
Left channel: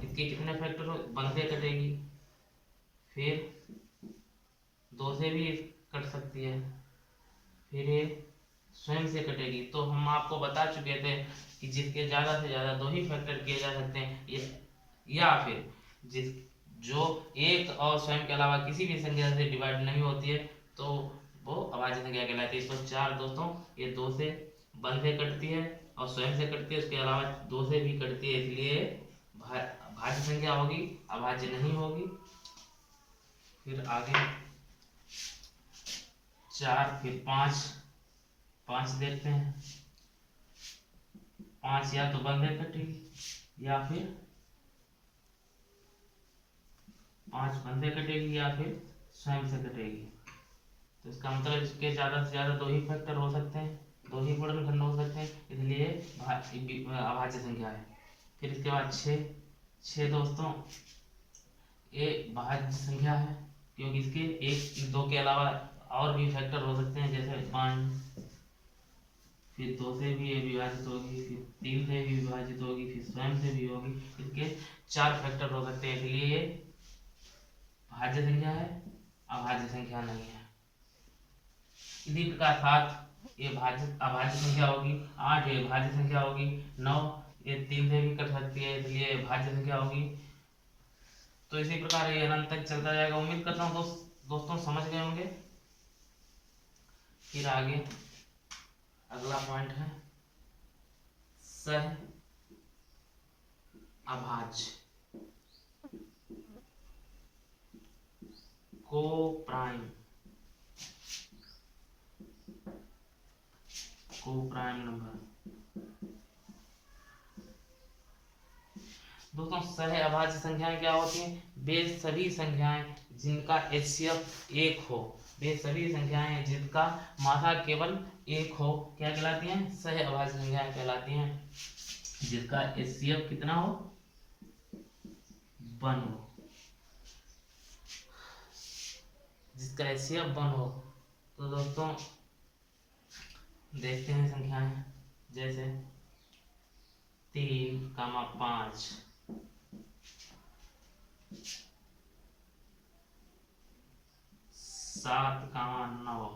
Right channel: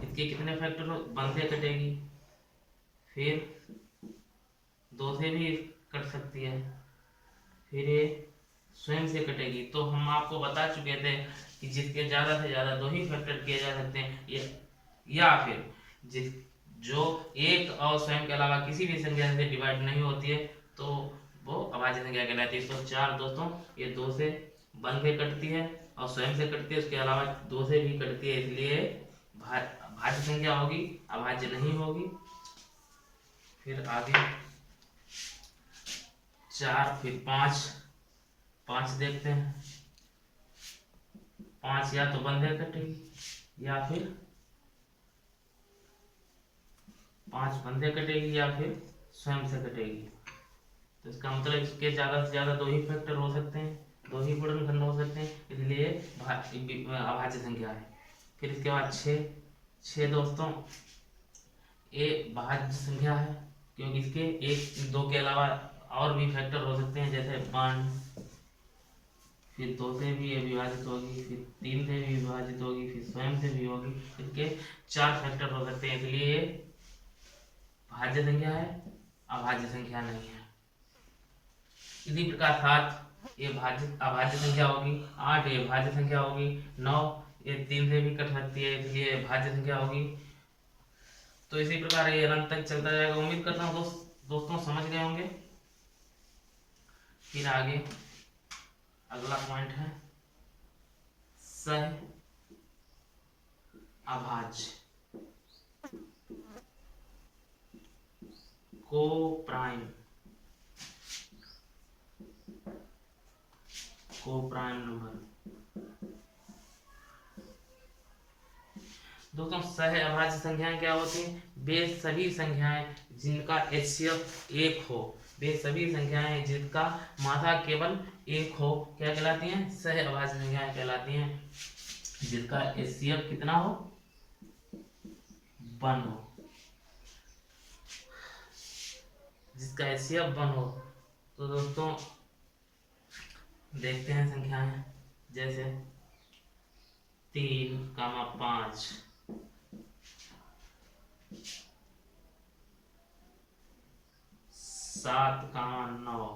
इसके कितने फैक्टर हो? 1 से कटेगी, फिर 2 से भी कट सकती है, फिर ये स्वयं से कटेगी। तो हम आपको बता चुके थे कि जिसके ज़्यादा से ज़्यादा 2 ही फैक्टर किए जा सकते हैं, या फिर जो एक और स्वयं के अलावा किसी भी संख्या से डिवाइड नहीं होती है, तो वो अभाज्य संख्या कहलाती है। तो 4 दोस्तों ये 2 से 1 से कटती है और स्वयं से कटती है, उसके अलावा 2 से भी कटती है, इसलिए भाज्य संख्या होगी, अभाज्य नहीं होगी। फिर आगे 4, फिर 5 देखते हैं। 5 या तो 1 से कटेगी या फिर 5 1 से कटेगी या फिर स्वयं से कटेगी। तो इसका मतलब इसके ज़्यादा से ज़्यादा 2 ही फैक्टर हो सकते हैं, 2 ही गुणनखंड हो सकते हैं, इसलिए अभाज्य संख्या है। फिर इसके बाद 6 दोस्तों ये भाज्य संख्या है, क्योंकि इसके 1 2 के अलावा और भी फैक्टर हो सकते हैं, जैसे 1, फिर 2 से भी ये विभाजित होगी, फिर 3 से भी विभाजित होगी, फिर स्वयं से भी होगी। इसके 4 फैक्टर हो सकते हैं, इसलिए ये भाज्य संख्या है, अभाज्य संख्या नहीं है। इसी प्रकार 7 ये अभाज्य संख्या होगी, 8 ये भाज्य संख्या होगी, 9 ये 3 से भी कट सकती है, इसलिए भाज्य संख्या होगी। तो इसी प्रकार ये अनंत तक चलता जाएगा। उम्मीद करता हूँ दोस्तों समझ गए होंगे। फिर आगे अगला पॉइंट है सह अभाज्य को प्राइम नंबर। दोस्तों सह अभाज्य संख्याएं क्या होती हैं? वे सभी संख्याएं जिनका HCF 1 हो, वे सभी संख्याएं जिनका मात्रा केवल 1 हो क्या कहलाती हैं? सह अभाज्य संख्याएं कहलाती हैं। जिसका HCF कितना हो? 1 हो। जिसका HCF 1 हो। तो दोस्तों देखते हैं संख्याएं, जैसे 3, 5, 7, 9,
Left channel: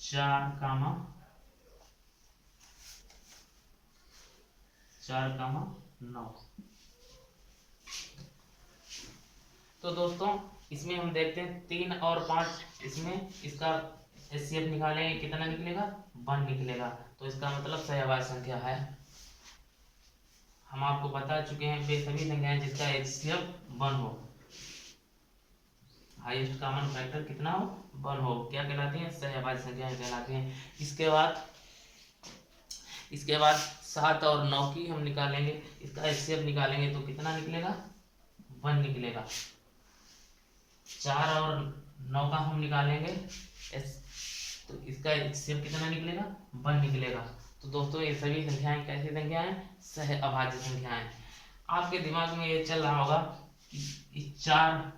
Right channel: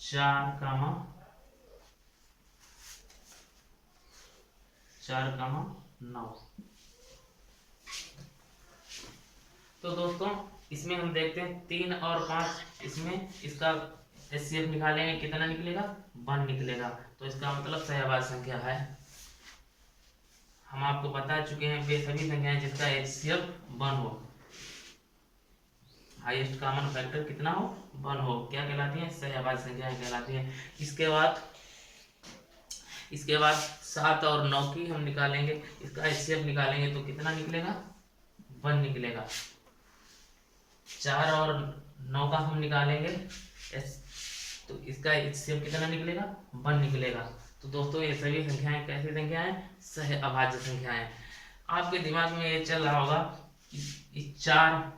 4, 9। तो दोस्तों इसमें हम देखते हैं 3 और 5, इसमें इसका HCF निकालेंगे, कितना निकलेगा? 1 निकलेगा। तो इसका मतलब सहअभाज्य संख्या है। हम आपको बता चुके हैं वे सभी संख्याएं जिसका HCF 1 हो, हाईएस्ट कॉमन फैक्टर कितना हो? 1 हो, क्या कहलाती हैं? सहअभाज्य संख्याएं कहलाती हैं। इसके बाद 7 और 9 की हम निकालेंगे, इसका HCF निकालेंगे तो कितना निकलेगा? 1 निकलेगा। 4 और 9 का हम निकालेंगे तो इसका HCF कितना निकलेगा? 1 निकलेगा। तो दोस्तों ये सभी संख्याएं कैसी संख्याएं? सह अभाज्य संख्याएं। आपके दिमाग में ये चल रहा होगा कि 4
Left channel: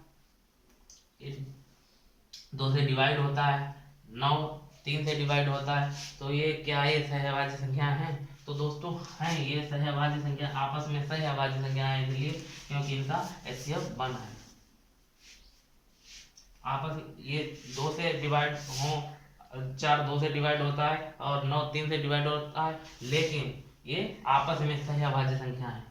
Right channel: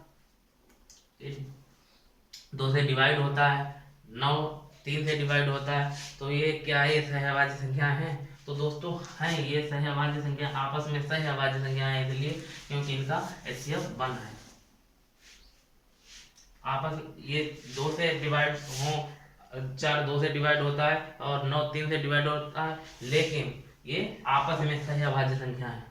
2 से डिवाइड होता है, 9 3 से डिवाइड होता है, तो ये क्या है? सहअभाज्य संख्या है? तो दोस्तों हैं ये सहअभाज्य संख्या, आपस में सहअभाज्य संख्या है इसलिए क्योंकि इनका HCF 1 है। आपस ये 2 से डिवाइड हो, 4 2 से डिवाइड होता है और 9 3 से डिवाइड होता है, लेकिन ये आपस में सहअभाज्य संख्या है।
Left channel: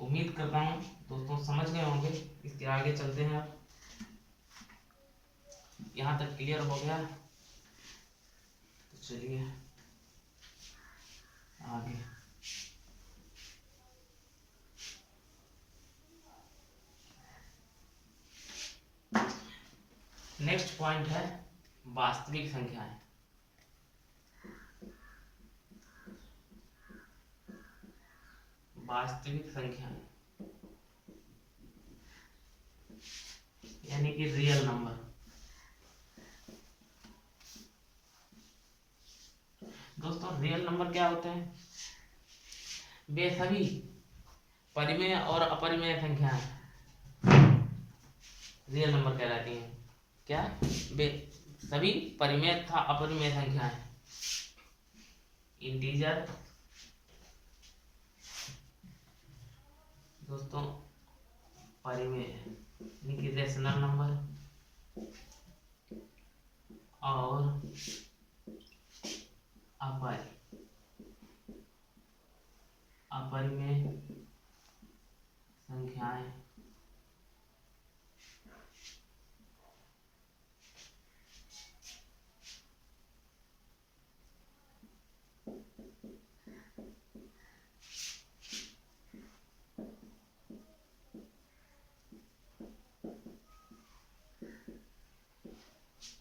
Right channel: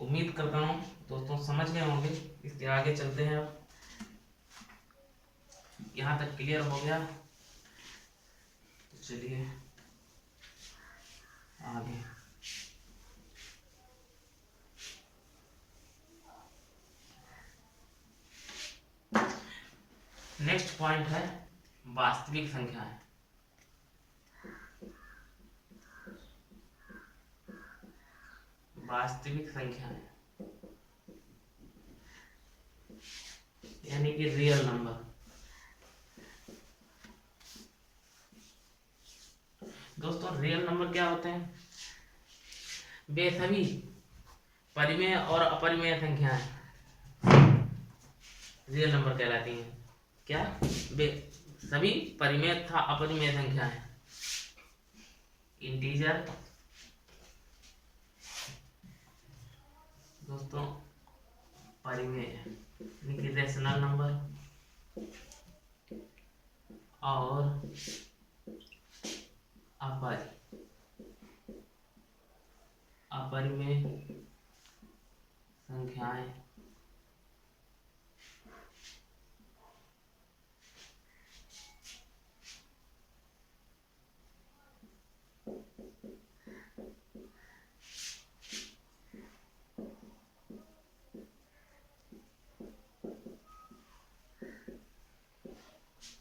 उम्मीद करता हूँ दोस्तों समझ गए होंगे। इसके आगे चलते हैं। अब यहाँ तक क्लियर हो गया तो चलिए आगे। नेक्स्ट पॉइंट है वास्तविक संख्याएं। वास्तविक संख्याएं यानी कि रियल नंबर। दोस्तों रियल नंबर क्या होते हैं? वे सभी परिमेय और अपरिमेय संख्याएं रियल नंबर कहलाती हैं। क्या? वे सभी परिमेय तथा अपरिमेय संख्याएं, इंटीजर दोस्तों परिमेय यानी कि रेशनल नंबर और अपरिमेय संख्याएं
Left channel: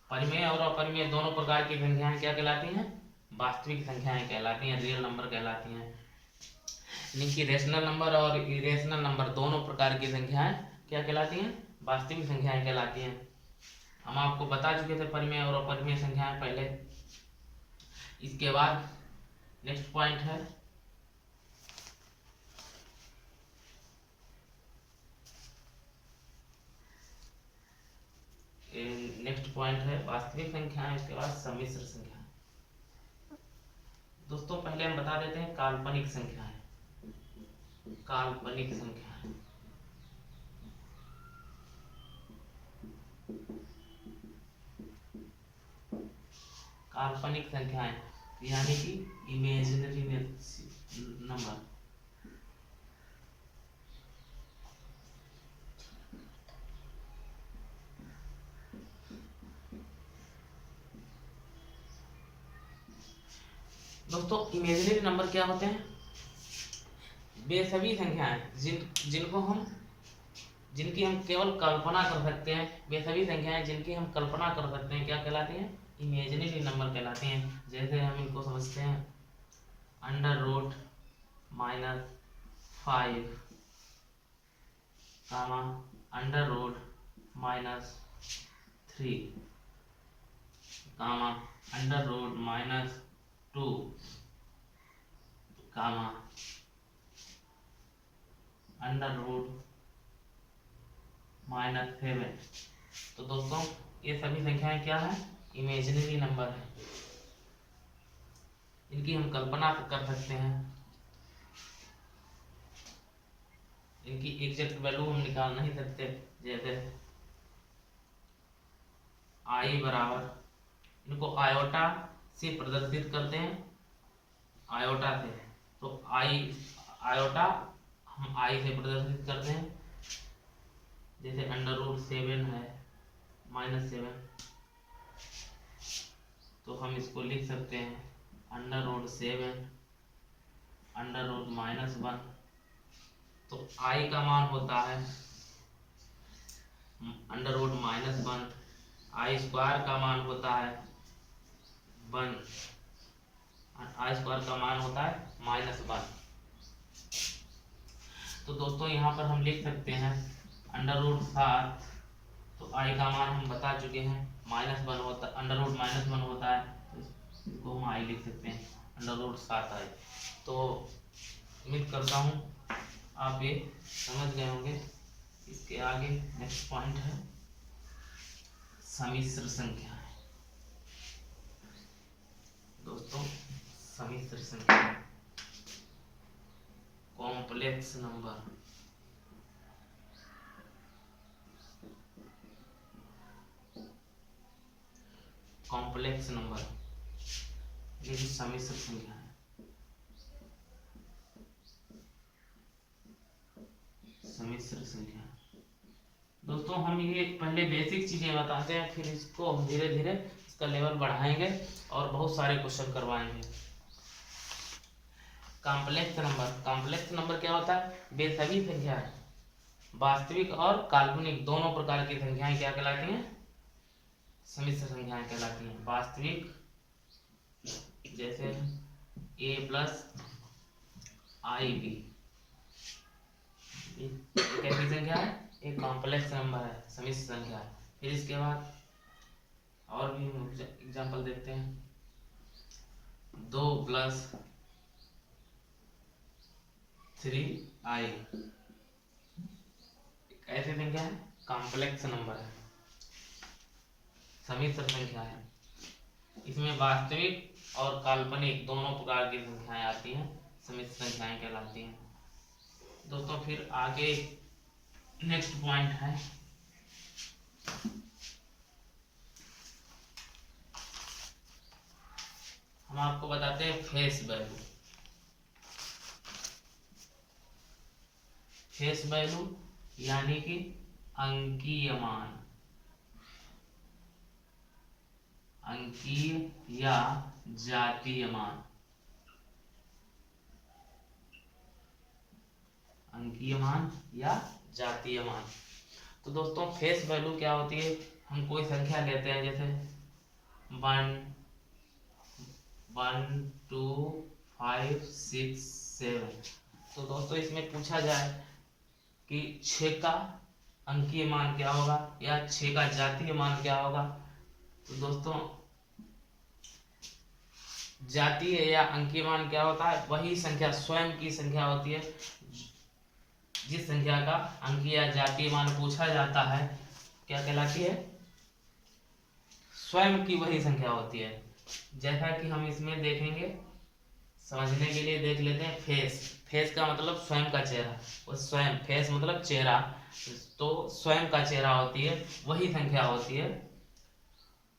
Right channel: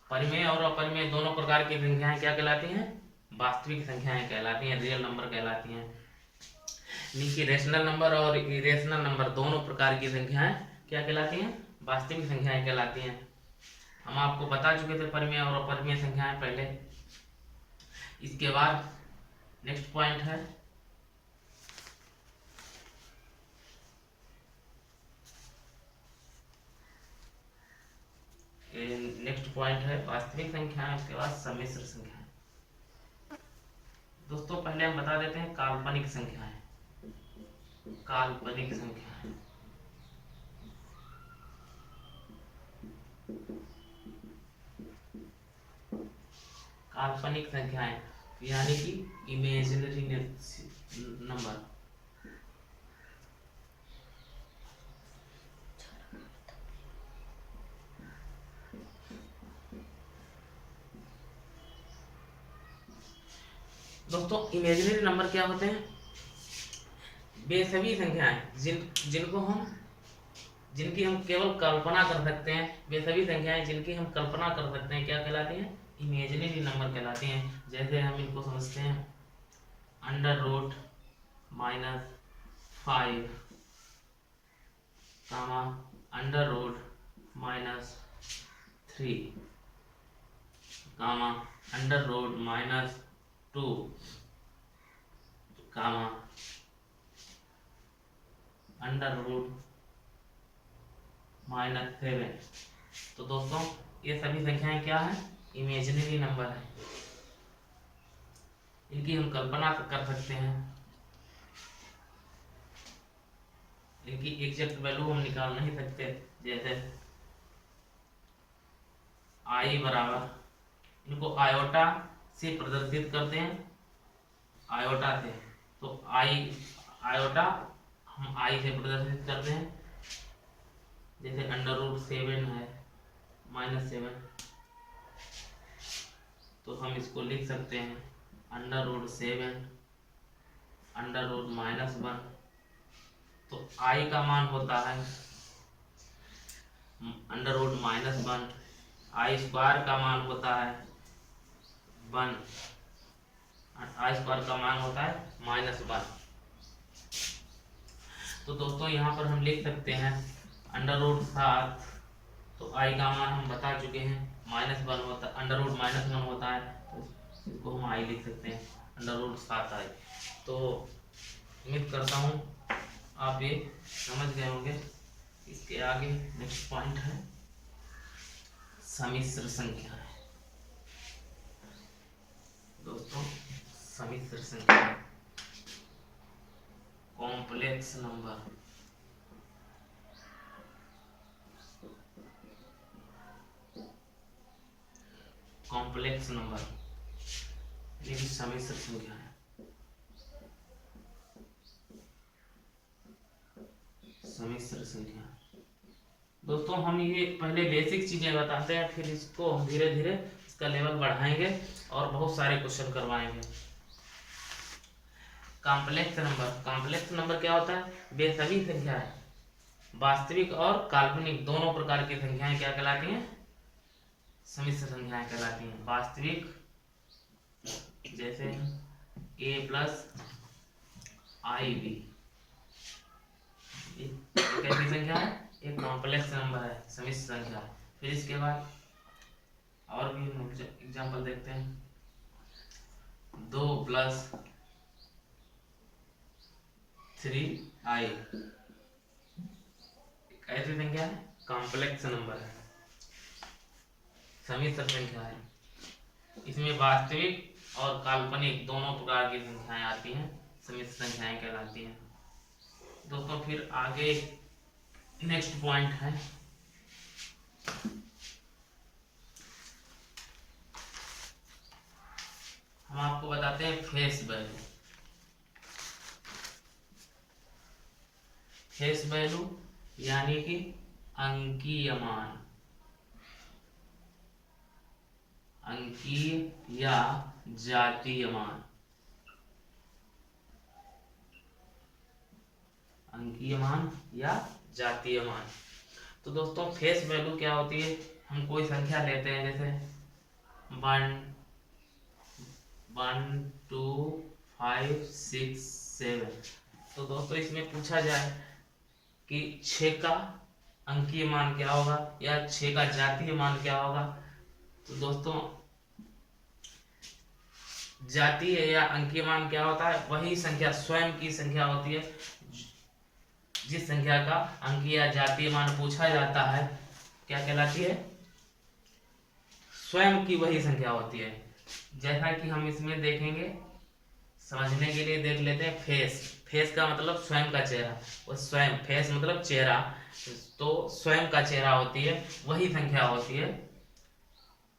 परिमेय और अपरिमेय दोनों प्रकार की संख्याएं क्या कहलाती हैं? वास्तविक संख्याएं कहलाती हैं, रियल नंबर कहलाती हैं। यानी रेशनल नंबर और इरेशनल नंबर दोनों प्रकार की संख्याएं क्या कहलाती हैं? वास्तविक संख्याएं कहलाती हैं। हम आपको बता चुके थे परिमेय और अपरिमेय संख्याएं पहले। इसके बाद नेक्स्ट पॉइंट है वास्तविक संख्याएं। इसके बाद सम्मिश्र संख्याएं। दोस्तों पहले हम बता देते हैं काल्पनिक संख्याएं। काल्पनिक संख्याएं काल्पनिक संख्याएं यानी कि इमेजिनरी नंबर। दोस्तों इमेजिनरी नंबर क्या होते हैं? वे सभी संख्याएं जिनकी हम केवल कल्पना कर सकते हैं, वे सभी संख्याएं जिनकी हम कल्पना कर सकते हैं क्या कहलाती हैं? इमेजिनरी नंबर कहलाती हैं। जैसे हम इनको समझते हैं अंडर रूट -5 कामा अंडर रूट -3 कामा अंडर रूट -2 कामा अंडर रूट -7। तो दोस्तों ये सभी संख्याएं क्या है? इमेजिनरी नंबर है, इनकी हम कल्पना कर सकते हैं, इनकी एग्जैक्ट वैल्यू हम निकाल नहीं सकते। जैसे आई बराबर, इनको आयोटा से प्रदर्शित करते हैं, आयोटा से, तो आयोटा हम आई से प्रदर्शित करते हैं। जैसे अंडर रूट 7 है -7, तो हम इसको लिख सकते हैं अंडर रूट 7 अंडर रूट -1। तो आई का मान होता है अंडर रूट -1, आई स्क्वायर का मान होता है 1, आई स्क्वायर का मान होता है -1। तो दोस्तों यहाँ पर हम लिख सकते हैं अंडर रूट 7, तो आई का मान हम बता चुके हैं -1 होता, अंडर रूट -1 होता है, तो इसको हम आई लिख सकते हैं अंडर रूट 7 आई। तो उम्मीद करता हूँ आप ये समझ गए होंगे। इसके आगे नेक्स्ट पॉइंट है सम्मिश्र संख्याएं। दोस्तों सम्मिश्र संख्या, कॉम्प्लेक्स नंबर, कॉम्प्लेक्स नंबर यानी कि सम्मिश्र संख्या है, सम्मिश्र संख्या। दोस्तों हम ये पहले बेसिक चीजें बताते हैं, फिर इसको हम धीरे धीरे इसका लेवल बढ़ाएंगे और बहुत सारे क्वेश्चन करवाएंगे। कॉम्प्लेक्स नंबर, कॉम्प्लेक्स नंबर क्या होता है? वे सभी संख्याएं, वास्तविक और काल्पनिक दोनों प्रकार की संख्याएं क्या कहलाती हैं? सम्मिश्र संख्याएं कहलाती हैं। वास्तविक जैसे a+ib, कैसी संख्या है? एक कॉम्प्लेक्स नंबर है, सम्मिश्र संख्या है। फिर इसके बाद और भी हम एग्जांपल देखते हैं, 2+3i, कैसी संख्या है? कॉम्प्लेक्स नंबर है, सम्मिश्र संख्या है। इसमें वास्तविक और काल्पनिक दोनों प्रकार की संख्याएं आती हैं, सम्मिश्र संख्याएं कहलाती हैं। दोस्तों फिर आगे नेक्स्ट पॉइंट है हम आपको बताते हैं फेस वैल्यू। फेस वैल्यू यानी कि अंकीय मान, अंकीय या जातीय मान, अंकीय मान या जातीय मान। तो दोस्तों फेस वैल्यू क्या होती है? हम कोई संख्या लेते हैं, जैसे 1 1 2 5 6 7। तो दोस्तों इसमें पूछा जाए कि 6 का अंकीय मान क्या होगा या 6 का जातीय मान क्या होगा, तो दोस्तों जातीय या अंकीय मान क्या होता है? वही संख्या, स्वयं की संख्या होती है। जिस संख्या का अंकीय या जातीय मान पूछा जाता है क्या कहलाती है? स्वयं की वही संख्या होती है। जैसा कि हम इसमें देखेंगे, समझने के लिए देख लेते हैं फेस। फेस का मतलब स्वयं का चेहरा, वो स्वयं, फेस मतलब चेहरा, तो स्वयं का चेहरा होती है, वही संख्या होती है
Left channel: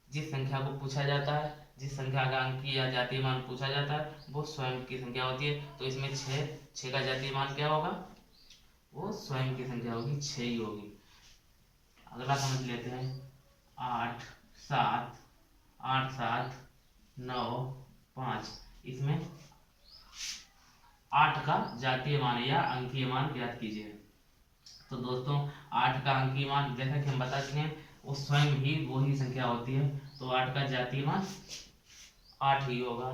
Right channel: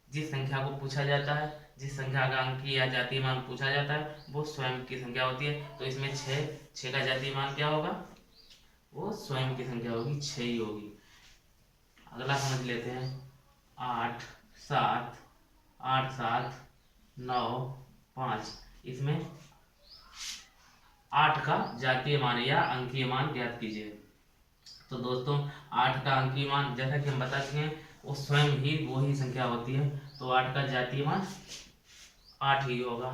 जिस संख्या को पूछा जाता है, जिस संख्या का अंकीय या जातीय मान पूछा जाता है वो स्वयं की संख्या होती है। तो इसमें 6 का जातीय मान क्या होगा? वो स्वयं की संख्या होगी, 6 ही होगी। अगला समझ लेते हैं 8 7 8 7 9 5। इसमें 8 का जातीय मान या अंकीय मान ज्ञात कीजिए। तो दोस्तों 8 का अंकीय मान जैसा कि हम बता चुके हैं वो स्वयं ही वो ही संख्या होती है, तो 8 का जातीय मान 8 ही होगा।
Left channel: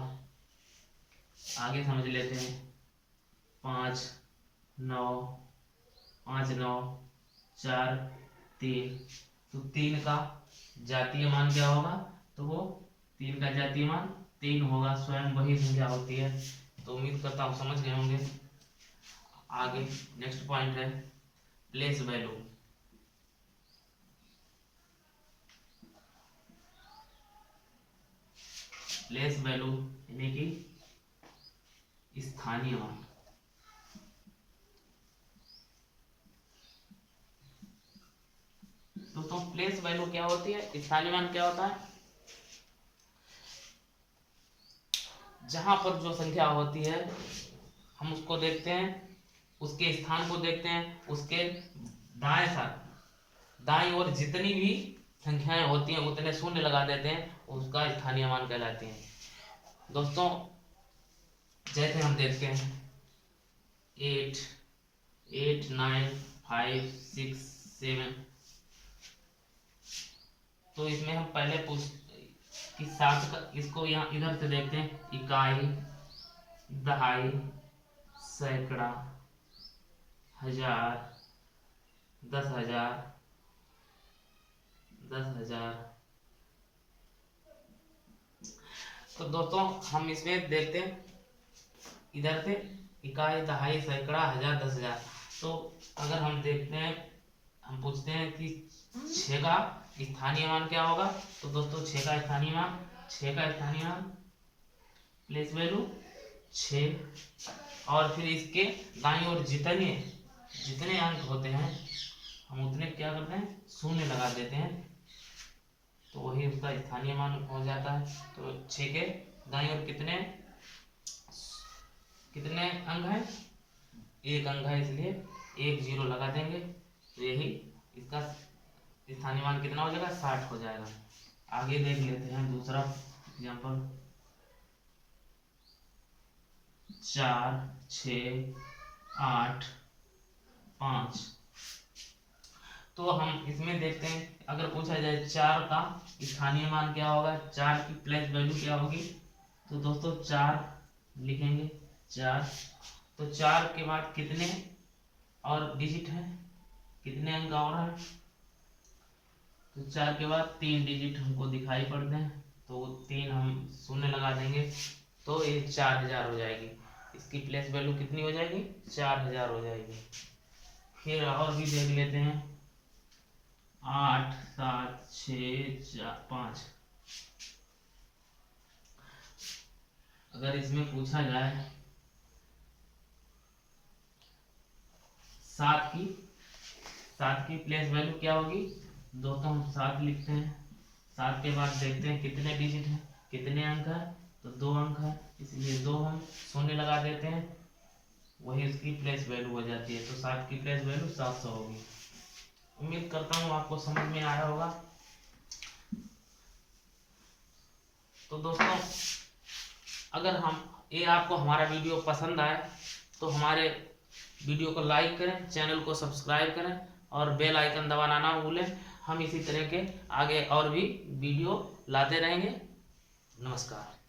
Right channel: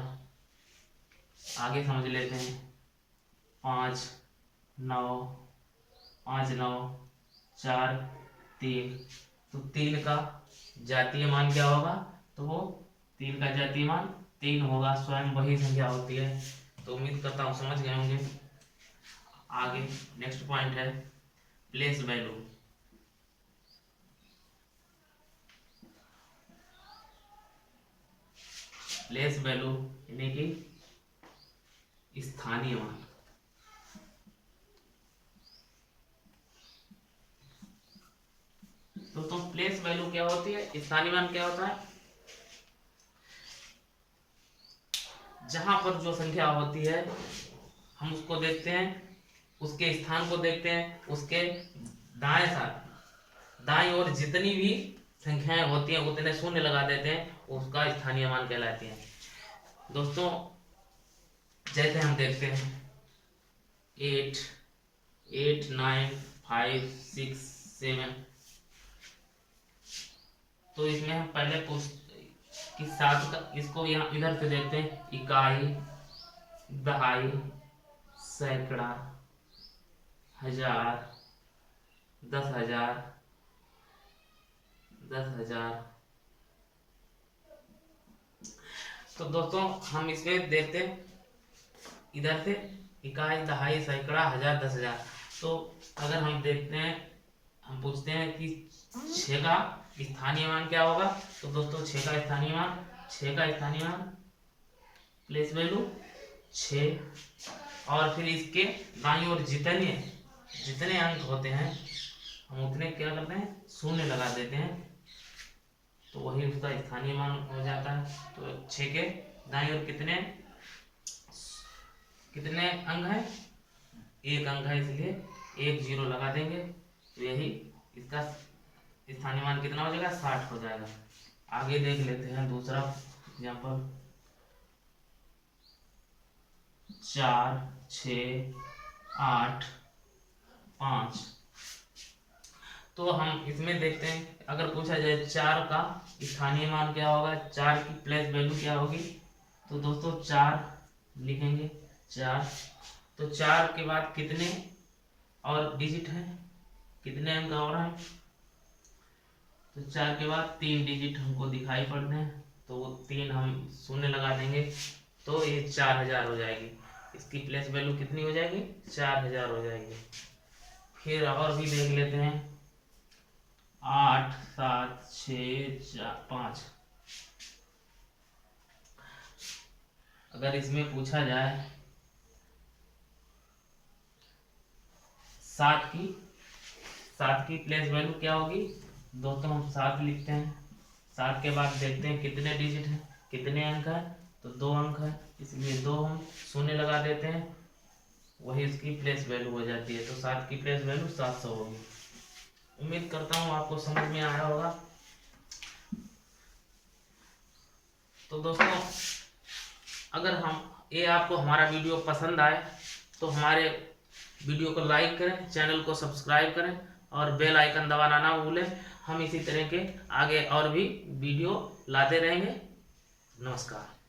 आगे समझ लेते हैं। 5 9 5 9 4 3, तो 3 का जातीय मान क्या होगा, तो वो 3 का जातीय मान 3 होगा, स्वयं वही संख्या होती है। तो उम्मीद करता हूँ समझ गए होंगे। आगे नेक्स्ट पॉइंट है प्लेस वैल्यू। प्लेस वैल्यू यानी कि स्थानीय मान। दोस्तों प्लेस वैल्यू क्या होती है, स्थानीय मान क्या होता है, जहां पर जो संख्या होती है हम उसको देखते हैं, उसके स्थान को देखते हैं, उसके दाएं ओर जितनी भी संख्याएं होती हैं उतने शून्य लगा देते हैं, उसका स्थानीय मान कहलाते हैं। दोस्तों जैसे हम देखते हैं 8 8 9 5 6 7, तो इसमें हम पहले कि 7 का, इसको यहाँ इधर से देखते हैं, इकाई दहाई सैकड़ा हजार 10,000 10,000। तो दोस्तों हम इसमें देखते हैं इधर से इकाई दहाई सैकड़ा हजार 10,000। तो अगर हम देखते हैं, हम पूछते हैं कि 6 का स्थानीय मान क्या होगा, तो दोस्तों 6 का स्थानीय मान प्लेस वैल्यू 6, और फिर इसके दाईं ओर जितने अंक होते हैं हम उतने क्या करते हैं, शून्य लगा देते हैं, तो वही उसका स्थानीय मान हो जाता है। तो 6 के दाईं ओर कितने अंक हैं, 1 अंक है, इसलिए 1 0 लगा देंगे, तो यही इसका स्थानीय मान कितना हो जाएगा, 60 हो जाएगा। आगे देख लेते हैं दूसरा एग्जाम्पल। 4 6 8 5, तो हम इसमें देखते हैं, अगर पूछा जाए 4 का स्थानीय मान क्या होगा, 4 की प्लेस वैल्यू क्या होगी, तो दोस्तों 4 लिखेंगे 4, तो 4 के बाद कितने और डिजिट हैं, कितने अंक और हैं, तो 4 के बाद 3 डिजिट हमको दिखाई पड़ते हैं, तो 3 हम शून्य लगा देंगे, तो ये 4,000 हो जाएगी। इसकी प्लेस वैल्यू कितनी हो जाएगी, 4,000 हो जाएगी। फिर और भी देख लेते हैं 8 7 6 4 5, अगर इसमें पूछा जाए 7 की प्लेस वैल्यू क्या होगी, दोस्तों हम 7 लिखते हैं, 7 के बाद देखते हैं कितने डिजिट हैं, कितने अंक है, तो 2 अंक है, इसलिए 2 हम शून्य लगा देते हैं, वही उसकी प्लेस वैल्यू हो जाती है। तो 7 की प्लेस वैल्यू 700 होगी। उम्मीद करता हूँ आपको समझ में आया होगा। तो दोस्तों अगर आपको हमारा वीडियो पसंद आए तो हमारे वीडियो को लाइक करें, चैनल को सब्सक्राइब करें और बेल आइकन दबाना ना भूलें। हम इसी तरह के आगे और भी वीडियो लाते रहेंगे। नमस्कार।